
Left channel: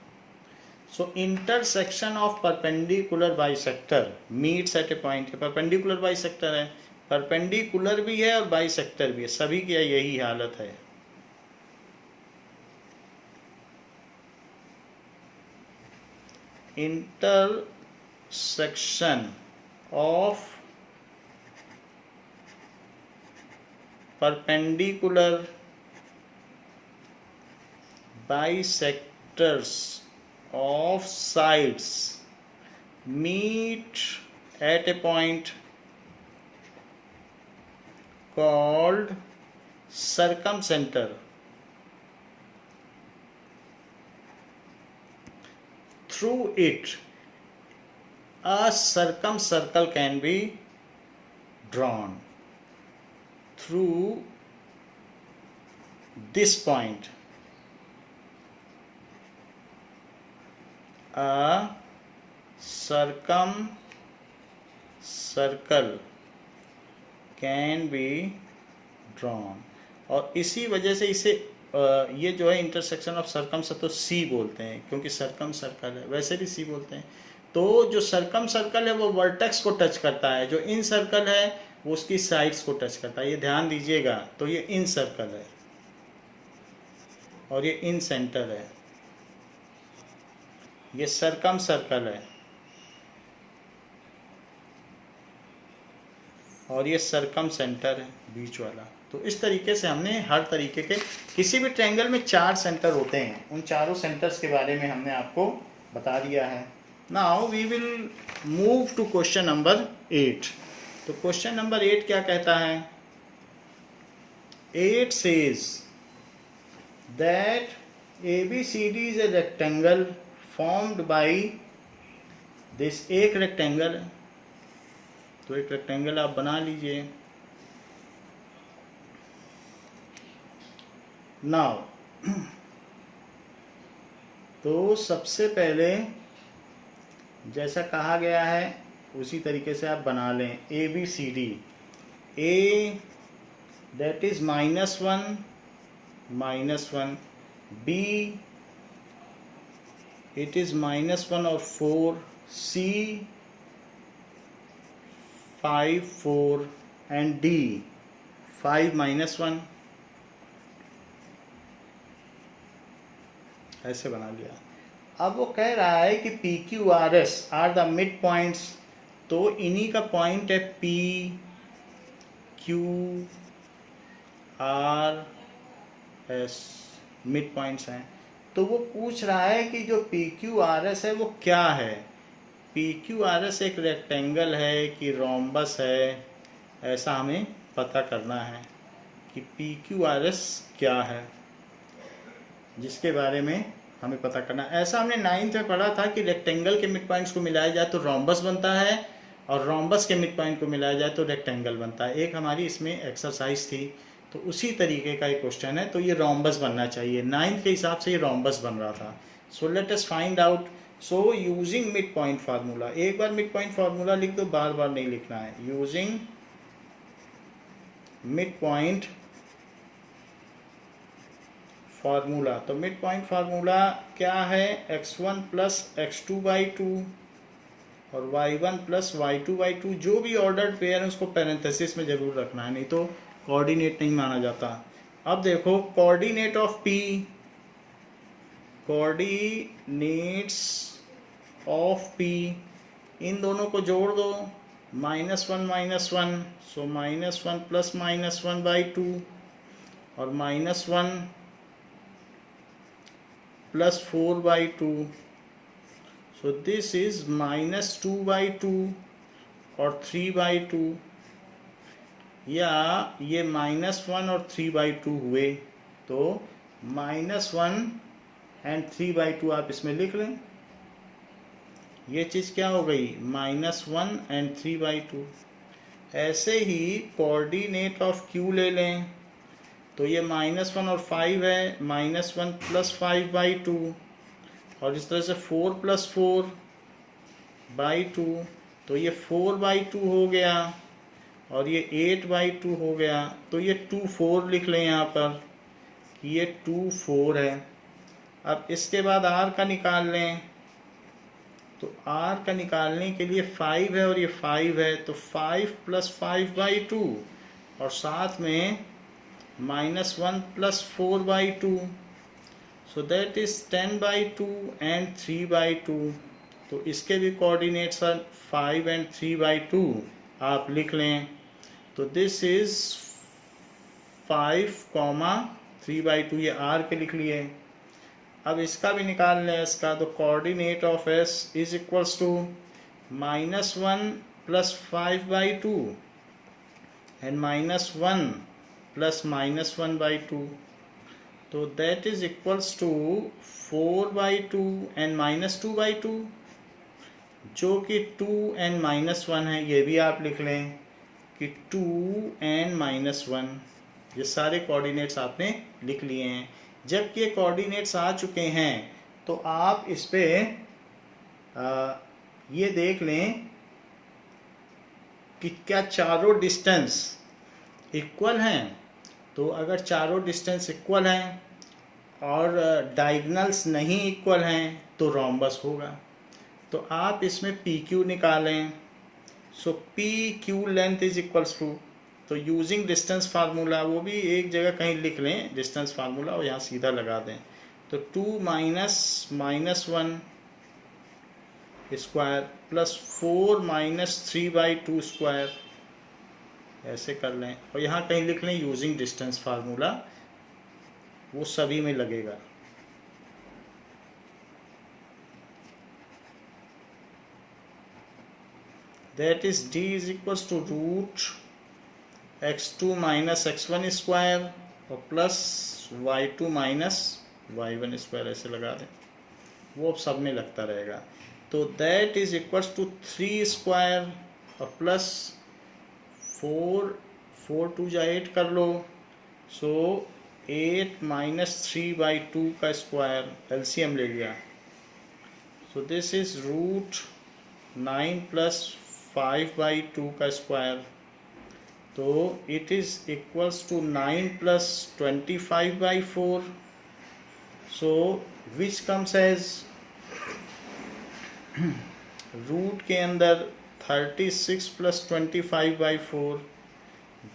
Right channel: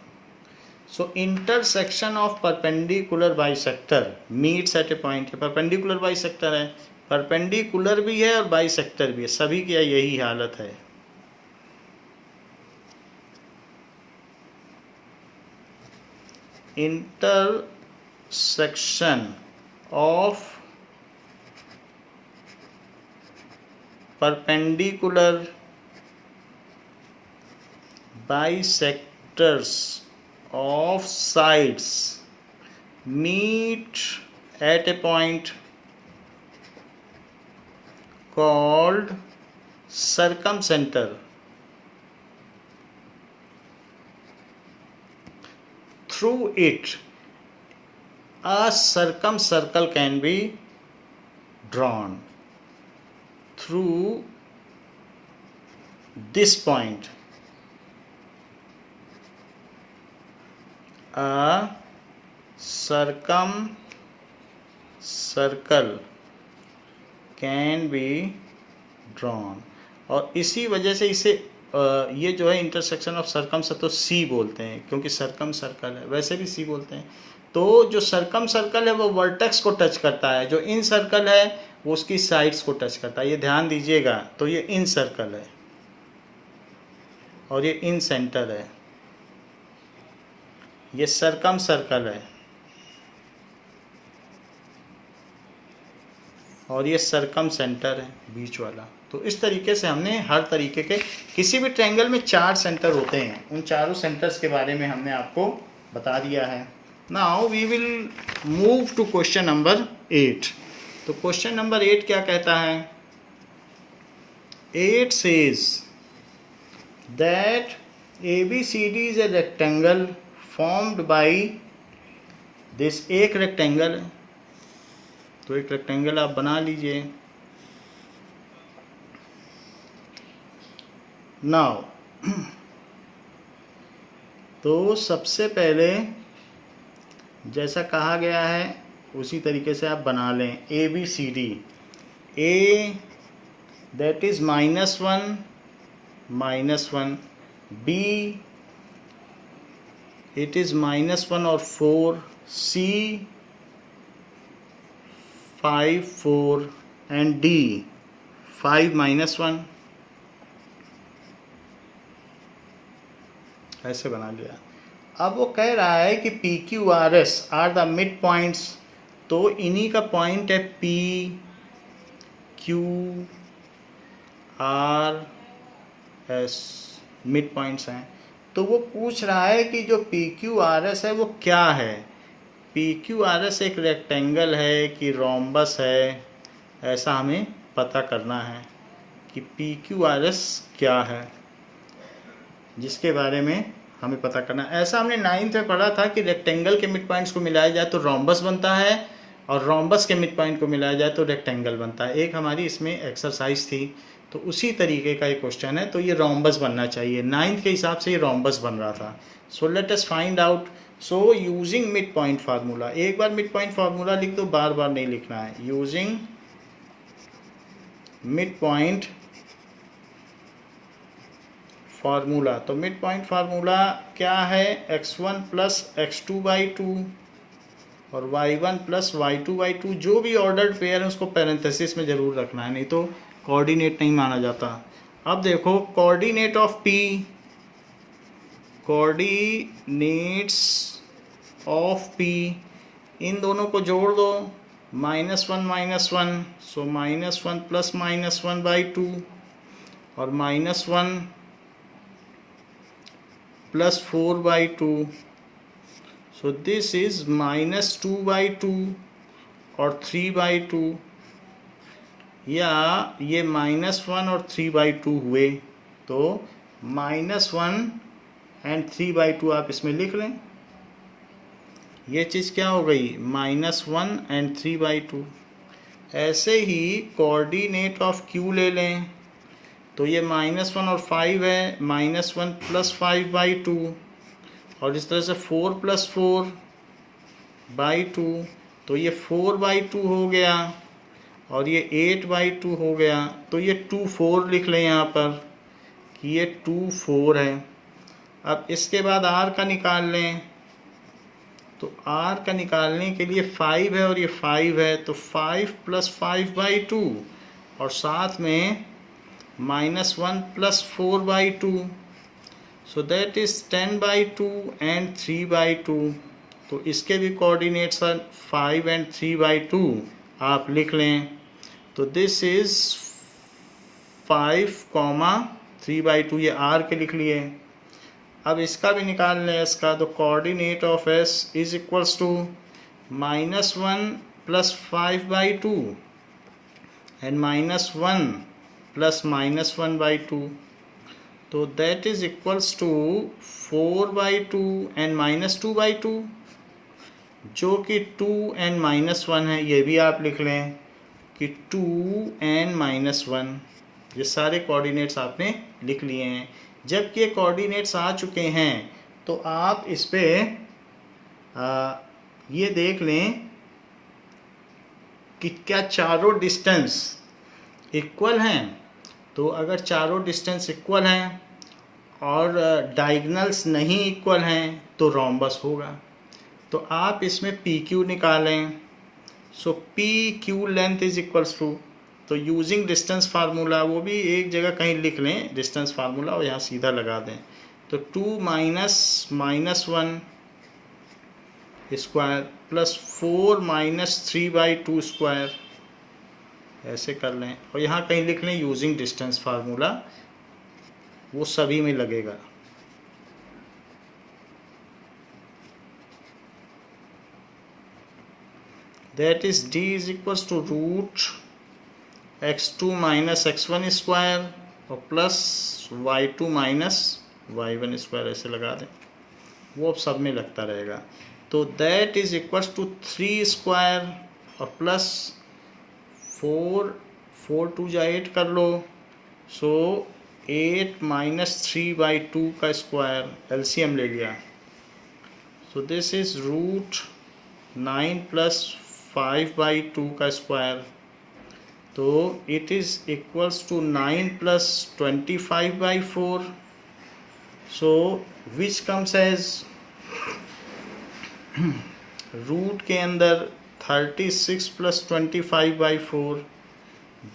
So intersection of perpendicular bisector meets eight A point. Perpendicular bisector है, परपेंडिकुलर भी है और बाइसेक्टर भी है, सभी की यही हालत है। Intersection of perpendicular bisectors of sides meet at a point called circumcenter. Through it, a circumcircle can be drawn. Through this point, a circumcircle can be drawn. और इसी वजह से इसे ये जो है इंटरसेक्शन ऑफ सर्कम तो सी बोलते हैं, क्योंकि सर्कम सर्कल है, वैसे भी सी बोलते हैं। तो जो सर्कम सर्कल है वो वर्टेक्स को टच करता है, जो इन सर्कल है वो उसकी साइड्स को टच करता है। ये ध्यान दीजिएगा। तो ये इन सर्कल है और ये इन सेंटर है, ये सर्कम सर्कल है और ये सर्कम सेंटर है बीच वाला। तो इस तरीके से हमने हर तरीके के किसी भी ट्रायंगल में 4 सेंटर होते हैं, उन चारों सेंटर्स के बारे में हमने आपको बता दिया है। Now we will move to question number 8। तो क्वेश्चन नंबर 8 क्या कहता है? 8 says that ABCD is a rectangle formed by this। एक रेक्टेंगल है, तो एक रेक्टेंगल आप बना लीजिए। नाउ तो सबसे पहले जैसा कहा गया है उसी तरीके से आप बना लें। ABCD, A that is -1 -1, B it is -1 और 4, C 5 4 and D 5 -1। ऐसे बना लिया। अब वो कह रहा है कि PQRS are the mid points. तो इन्हीं का पॉइंट है P Q R S, mid points हैं। तो वो पूछ रहा है कि जो PQRS है वो क्या है। PQRS एक रेक्टेंगल है कि रोम्बस है, ऐसा हमें पता करना है कि PQRS क्या है, जिसके बारे में हमें पता करना। ऐसा हमने 9th में पढ़ा था कि रेक्टेंगल के मिड पॉइंट्स को मिलाया जाए तो रोम्बस बनता है और रोम्बस के मिड पॉइंट को मिलाया जाए तो रेक्टेंगल बनता है। एक हमारी इसमें एक्सरसाइज थी, तो उसी तरीके का एक क्वेश्चन है। तो ये रोम्बस बनना चाहिए, 9th के हिसाब से ये रोम्बस बन रहा था। So let us find out. So using mid point formula, एक बार मिड पॉइंट फार्मूला लिख दो, बार बार नहीं लिखना है। यूजिंग मिड पॉइंट फार्मूला, तो मिड पॉइंट फार्मूला क्या है? x1 प्लस x2/2 और y1 प्लस y2/2। जो भी ऑर्डर्ड पेयर है उसको पैरेंथेसिस में जरूर रखना है, नहीं तो कोऑर्डिनेट नहीं माना जाता। अब देखो coordinate of P, coordinates of P, इन दोनों को जोड़ दो, -1 -1, सो -1 प्लस -1/2 और -1 प्लस 4/2, सो दिस इज -2/2 और 3/2, या ये -1 और 3/2 हुए, तो -1 एंड 3/2 आप इसमें लिख लें। ये चीज़ क्या हो गई? -1 एंड 3/2। ऐसे ही कोऑर्डिनेट ऑफ Q ले लें, तो ये -1 और 5 है, -1 प्लस 5/2 और इस तरह से 4 प्लस 4/2, तो ये 4/2 हो गया और ये 8/2 हो गया। तो ये 2 4 लिख लें यहाँ पर कि ये 2 4 है। अब इसके बाद R का निकाल लें, तो r का निकालने के लिए 5 है और ये 5 है, तो 5 + 5/2 और साथ में -1 + 4/2, सो दैट इज 10/2 एंड 3/2। तो इसके भी कोऑर्डिनेट्स हैं 5 एंड 3/2, आप लिख लें। तो दिस इज 5, 3/2, ये r के लिख लिए। अब इसका भी निकाल लें, इसका तो coordinate of s is equals to -1 + 5/2 and -1 + -1/2, तो that is equals to 4/2 and -2/2, जो कि 2 एंड -1 है। ये भी आप लिख लें कि 2 एंड -1, ये सारे कोऑर्डिनेट्स आपने लिख लिए हैं। जब ये कोऑर्डिनेट्स आ चुके हैं तो आप इस पे ये देख लें कि क्या चारों डिस्टेंस इक्वल हैं। तो अगर चारों डिस्टेंस इक्वल हैं और डायगोनल्स नहीं इक्वल हैं तो रोम्बस होगा। तो आप इसमें पी क्यू निकालें। So P Q length is equals to, तो यूजिंग डिस्टेंस फार्मूला, वो भी एक जगह कहीं लिख लें डिस्टेंस फार्मूला और यहाँ सीधा लगा दें। तो 2 - -1² + 4 - 3/2² ऐसे कर लें और यहाँ कहीं लिख लें यूजिंग डिस्टेंस फार्मूला, वो सभी में लगेगा। That is d is equals to √x2 - x1² और प्लस y2 - y1², ऐसे लगा दें, वो अब सब में लगता रहेगा। तो दैट इज इक्वल्स टू 3² और प्लस 4 2 जा 8 कर लो, सो 8 - 3/2² एलसीएम ले लिया। सो दिस इज √9 + 5/2², तो it is equals to 9 + 25/4, so which comes as root के अंदर 36 + 25/4,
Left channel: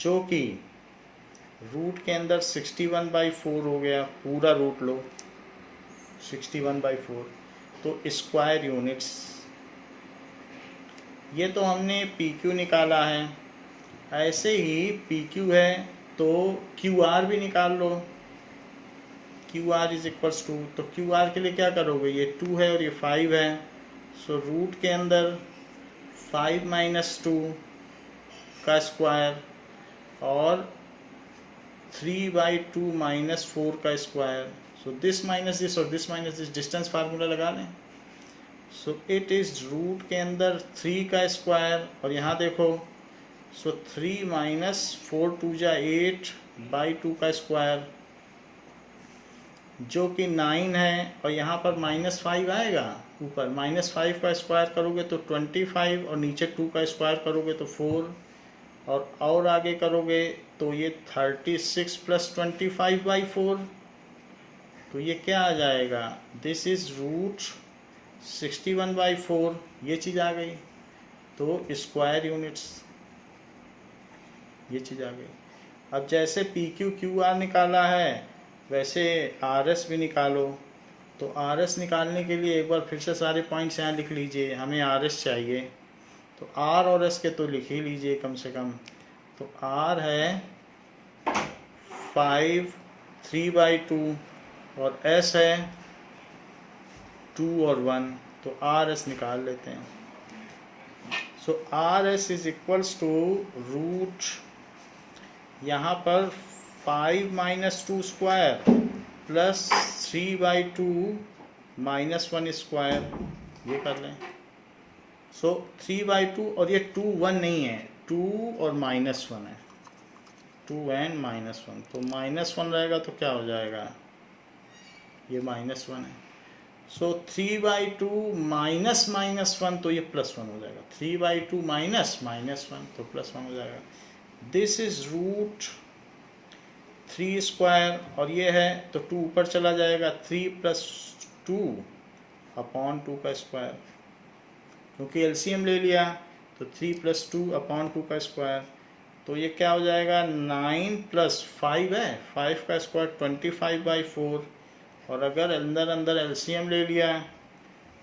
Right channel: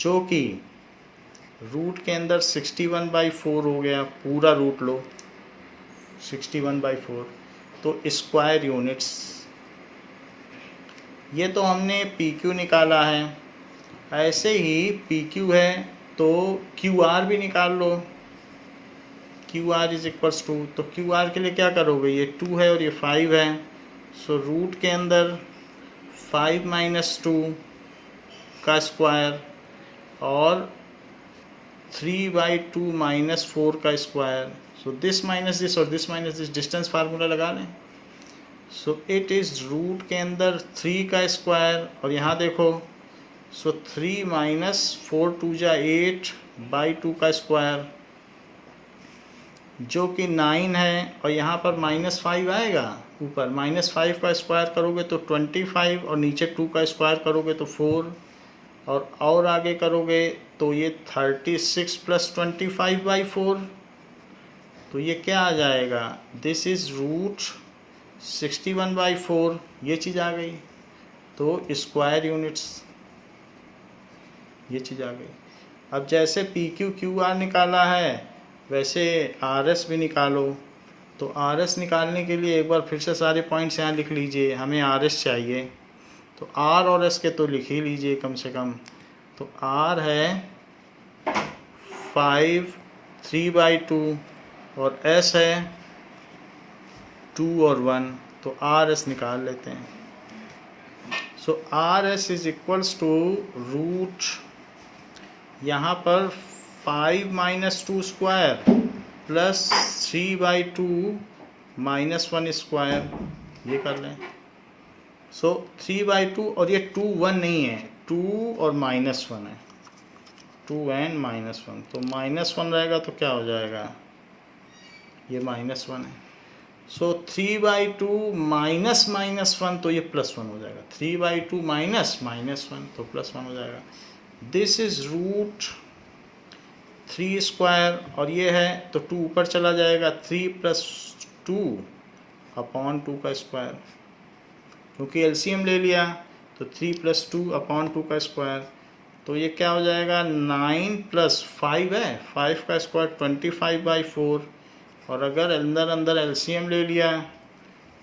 जो कि रूट के अंदर 61/4 हो गया। पूरा रूट लो 61/4, तो स्क्वायर यूनिट्स। ये तो हमने पी क्यू निकाला है। ऐसे ही पी क्यू है तो क्यू आर भी निकाल लो। Q R is equals to, तो क्यू आर के लिए क्या करोगे, ये 2 है और ये 5 है, सो रूट के अंदर 5 - 2 का स्क्वायर और 3/2 - 4 का square, so this minus this और this minus this, distance formula लगा लें। सो इट इज़ रूट के अंदर 3 का स्क्वायर और यहाँ देखो, सो 3 - 4 2 जा 8/2 का स्क्वायर, जो कि 9 है और यहाँ पर -5 आएगा। ऊपर -5 का स्क्वायर करोगे तो 25 और नीचे 2 का स्क्वायर करोगे तो 4 और आगे करोगे तो ये 36 + 25/4, तो ये क्या आ जाएगा, दिस इज़ √61/4, ये चीज़ आ गई। तो स्क्वायर यूनिट्स, ये चीज़ आ गई। अब जैसे पी क्यू क्यू आर निकाला है वैसे आर एस भी निकालो। तो आर एस निकालने के लिए एक बार फिर से सारे पॉइंट्स यहाँ लिख लीजिए, हमें आर एस चाहिए। तो आर और एस के तो लिख ही लीजिए कम से कम। तो आर है 5 3/2 और एस है 2 और 1, तो आर एस निकाल लेते हैं। So R S is equals to root, यहाँ पर 5 - 2² प्लस 3/2 - 1², ये कर लें। सो 3/2 और ये 2 1 नहीं है, 2 और -1 है, 2 एंड -1, तो -1 रहेगा तो क्या हो जाएगा, ये -1 है। सो 3/2 -1, तो ये +1 हो जाएगा। 3/2 -1 तो +1 हो जाएगा। दिस इज √3² और ये है तो 2 ऊपर चला जाएगा, 3 + 2/2 का स्क्वायर, क्योंकि एलसीएम ले लिया, तो 3 + 2 अपॉन 2 का स्क्वायर, तो ये क्या हो जाएगा 9 + 5 है, 5 का स्क्वायर 25/4, और अगर अंदर अंदर एलसीएम ले लिया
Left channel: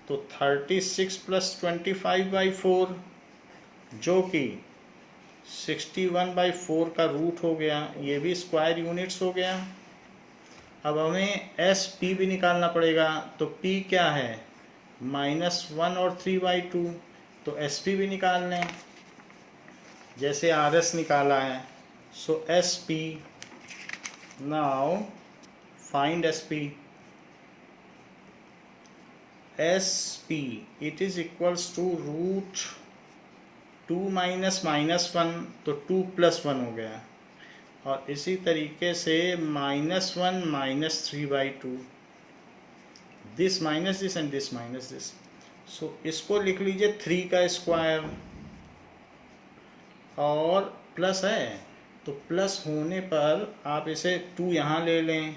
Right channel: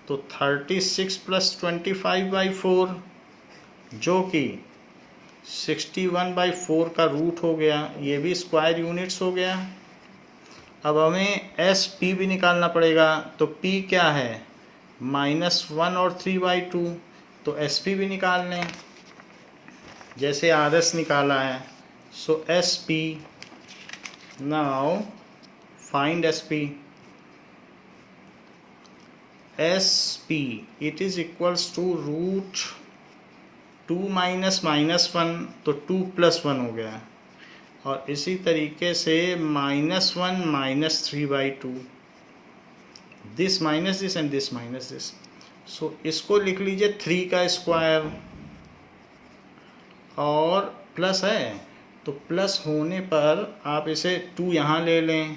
तो 36 + 25/4 जो कि 61/4 का रूट हो गया, ये भी स्क्वायर यूनिट्स हो गया। अब हमें एस पी भी निकालना पड़ेगा, तो पी क्या है -1 और 3/2, तो एस पी भी निकाल लें जैसे आर एस निकाला है। So S P, now find S P. S P it is equals to √2 -1, तो 2 + 1 हो गया, और इसी तरीके से -1 - 3/2, this minus this and this minus this. So इसको लिख लीजिए 3 का स्क्वायर, और प्लस है तो प्लस होने पर आप इसे 2 यहाँ ले लें,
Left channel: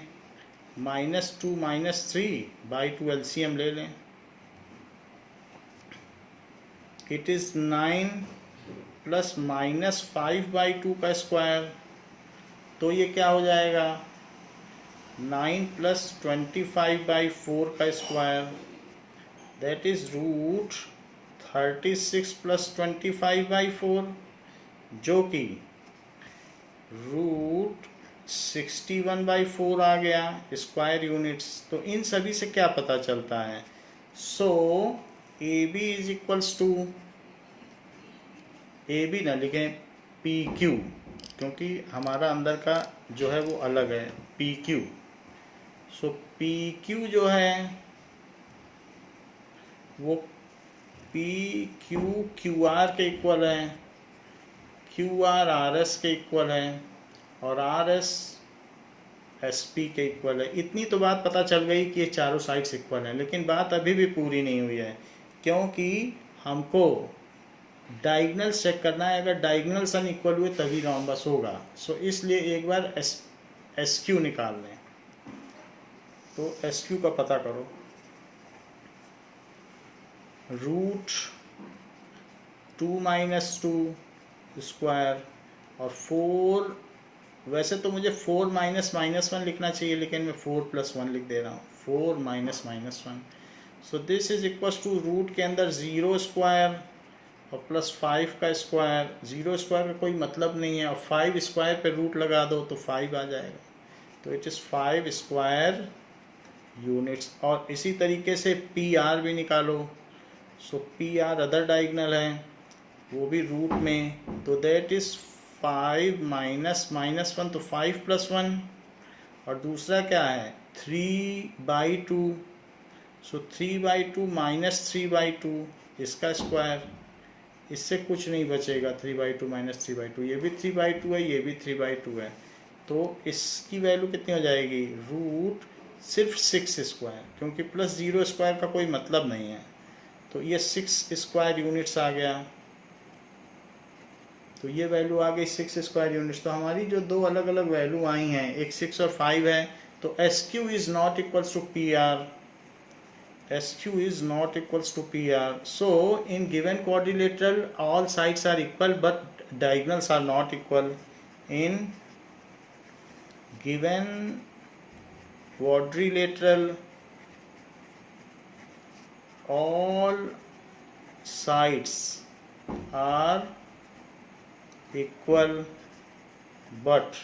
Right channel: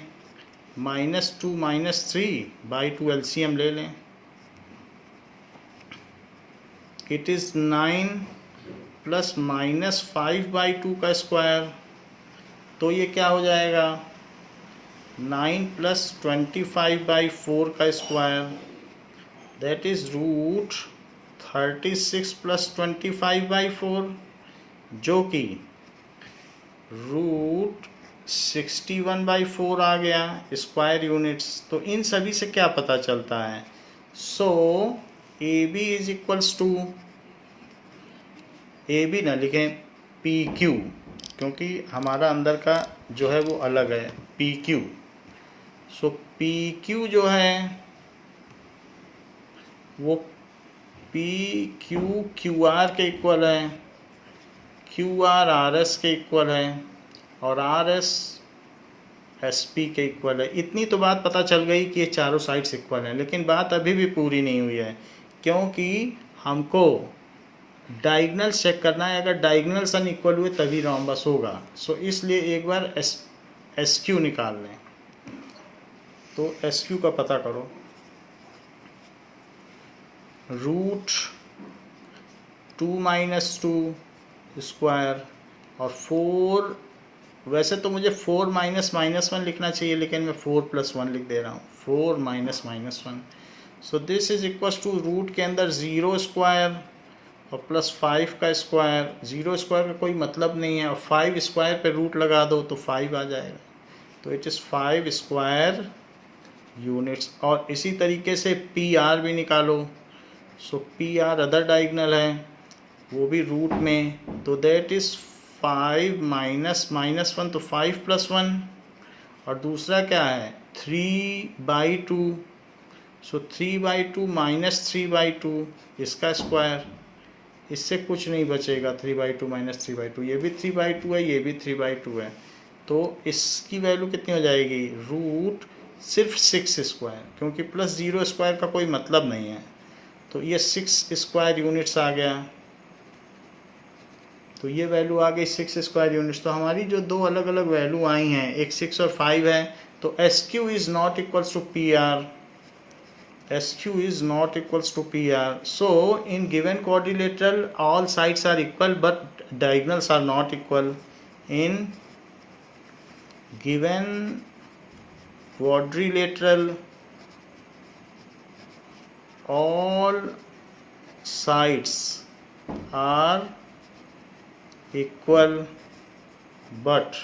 -2 - 3/2 एलसीएम ले लें, इट इज़ 9 + -5/2 का स्क्वायर, तो ये क्या हो जाएगा 9 + 25/4 का स्क्वायर, दैट इज √36 + 25/4, जो कि √61/4 आ गया स्क्वायर यूनिट्स। तो इन सभी से क्या पता चलता है, so A B is equals to, A B ना लिखें पी क्यू, क्योंकि हमारा अंदर का जो है वो अलग है पी क्यू। सो पी क्यू जो है वो पी क्यू क्यू आर के इक्वल है, क्यू आर आर एस के इक्वल है, और आर एस एस पी के इक्वल है। इतनी तो बात पता चल गई कि ये चारों साइड्स इक्वल हैं, लेकिन बात अभी भी पूरी नहीं हुई है, क्योंकि हमको डायगोनल चेक करना है। अगर डायगोनल्स अनइक्वल हुए तभी रोम्बस होगा। सो इसलिए एक बार एस क्यू निकाल लें, तो एस क्यू का पता करो, √2 - 2 स्क्वायर, और 4, वैसे तो मुझे 4 - -1 लिखना चाहिए, लेकिन मैं 4 + 1 लिख दे रहा हूँ, 4 - -1। So this is equals to root के अंदर 0 स्क्वायर और +5 का स्क्वायर। 0 स्क्वायर का कोई मतलब नहीं है, और 5 स्क्वायर पे रूट लगा दो तो 5 आ जाएगा, तो इट इज़ 5 स्क्वायर यूनिट्स। और इसी तरीके से पी आर भी निकालो। सो पी आर अदर डायगोनल है, वो भी रूट में, तो दैट इज़ 5 - -1, तो 5 + 1, और दूसरा क्या है 3/2, सो 3/2 - 3/2 इसका स्क्वायर, इससे कुछ नहीं बचेगा, 3/2 - 3/2, ये भी 3/2 है, ये भी 3/2 है, तो इसकी वैल्यू कितनी हो जाएगी रूट सिर्फ 6 स्क्वायर, क्योंकि +0 स्क्वायर का कोई मतलब नहीं है, तो ये 6 स्क्वायर यूनिट्स आ गया, तो ये वैल्यू आ गई 6 स्क्वायर यूनिट्स। तो हमारी जो दो अलग अलग वैल्यू आई हैं, एक 6 और 5 है, तो S Q is not equals to P R, SQ is not equals to PR. So in given quadrilateral all sides are equal but diagonals are not equal. In given quadrilateral all sides are equal but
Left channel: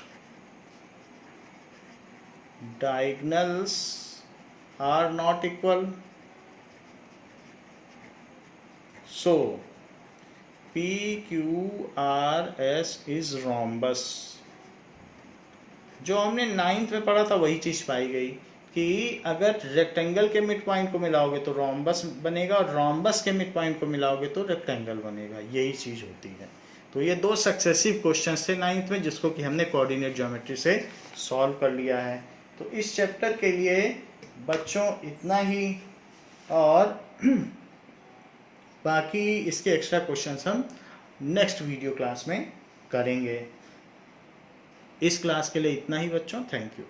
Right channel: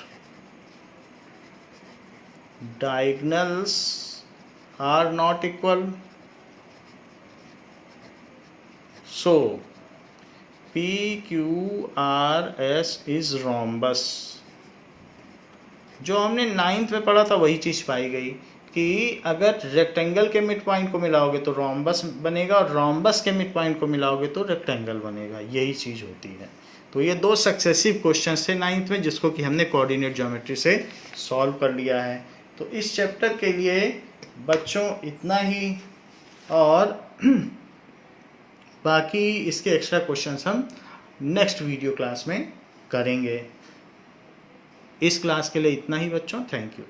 diagonals are not equal. So PQRS is rhombus। जो हमने 9th में पढ़ा था वही चीज़ पाई गई कि अगर rectangle के मिड पॉइंट को मिलाओगे तो रोम्बस बनेगा, और रोम्बस के मिड पॉइंट को मिलाओगे तो रेक्टेंगल बनेगा, यही चीज़ होती है। तो ये दो सक्सेसिव क्वेश्चंस थे 9th में, जिसको कि हमने कोऑर्डिनेट ज्योमेट्री से सॉल्व कर लिया है। तो इस चैप्टर के लिए बच्चों इतना ही, और बाकी इसके एक्स्ट्रा क्वेश्चंस हम नेक्स्ट वीडियो क्लास में करेंगे। इस क्लास के लिए इतना ही बच्चों, थैंक यू।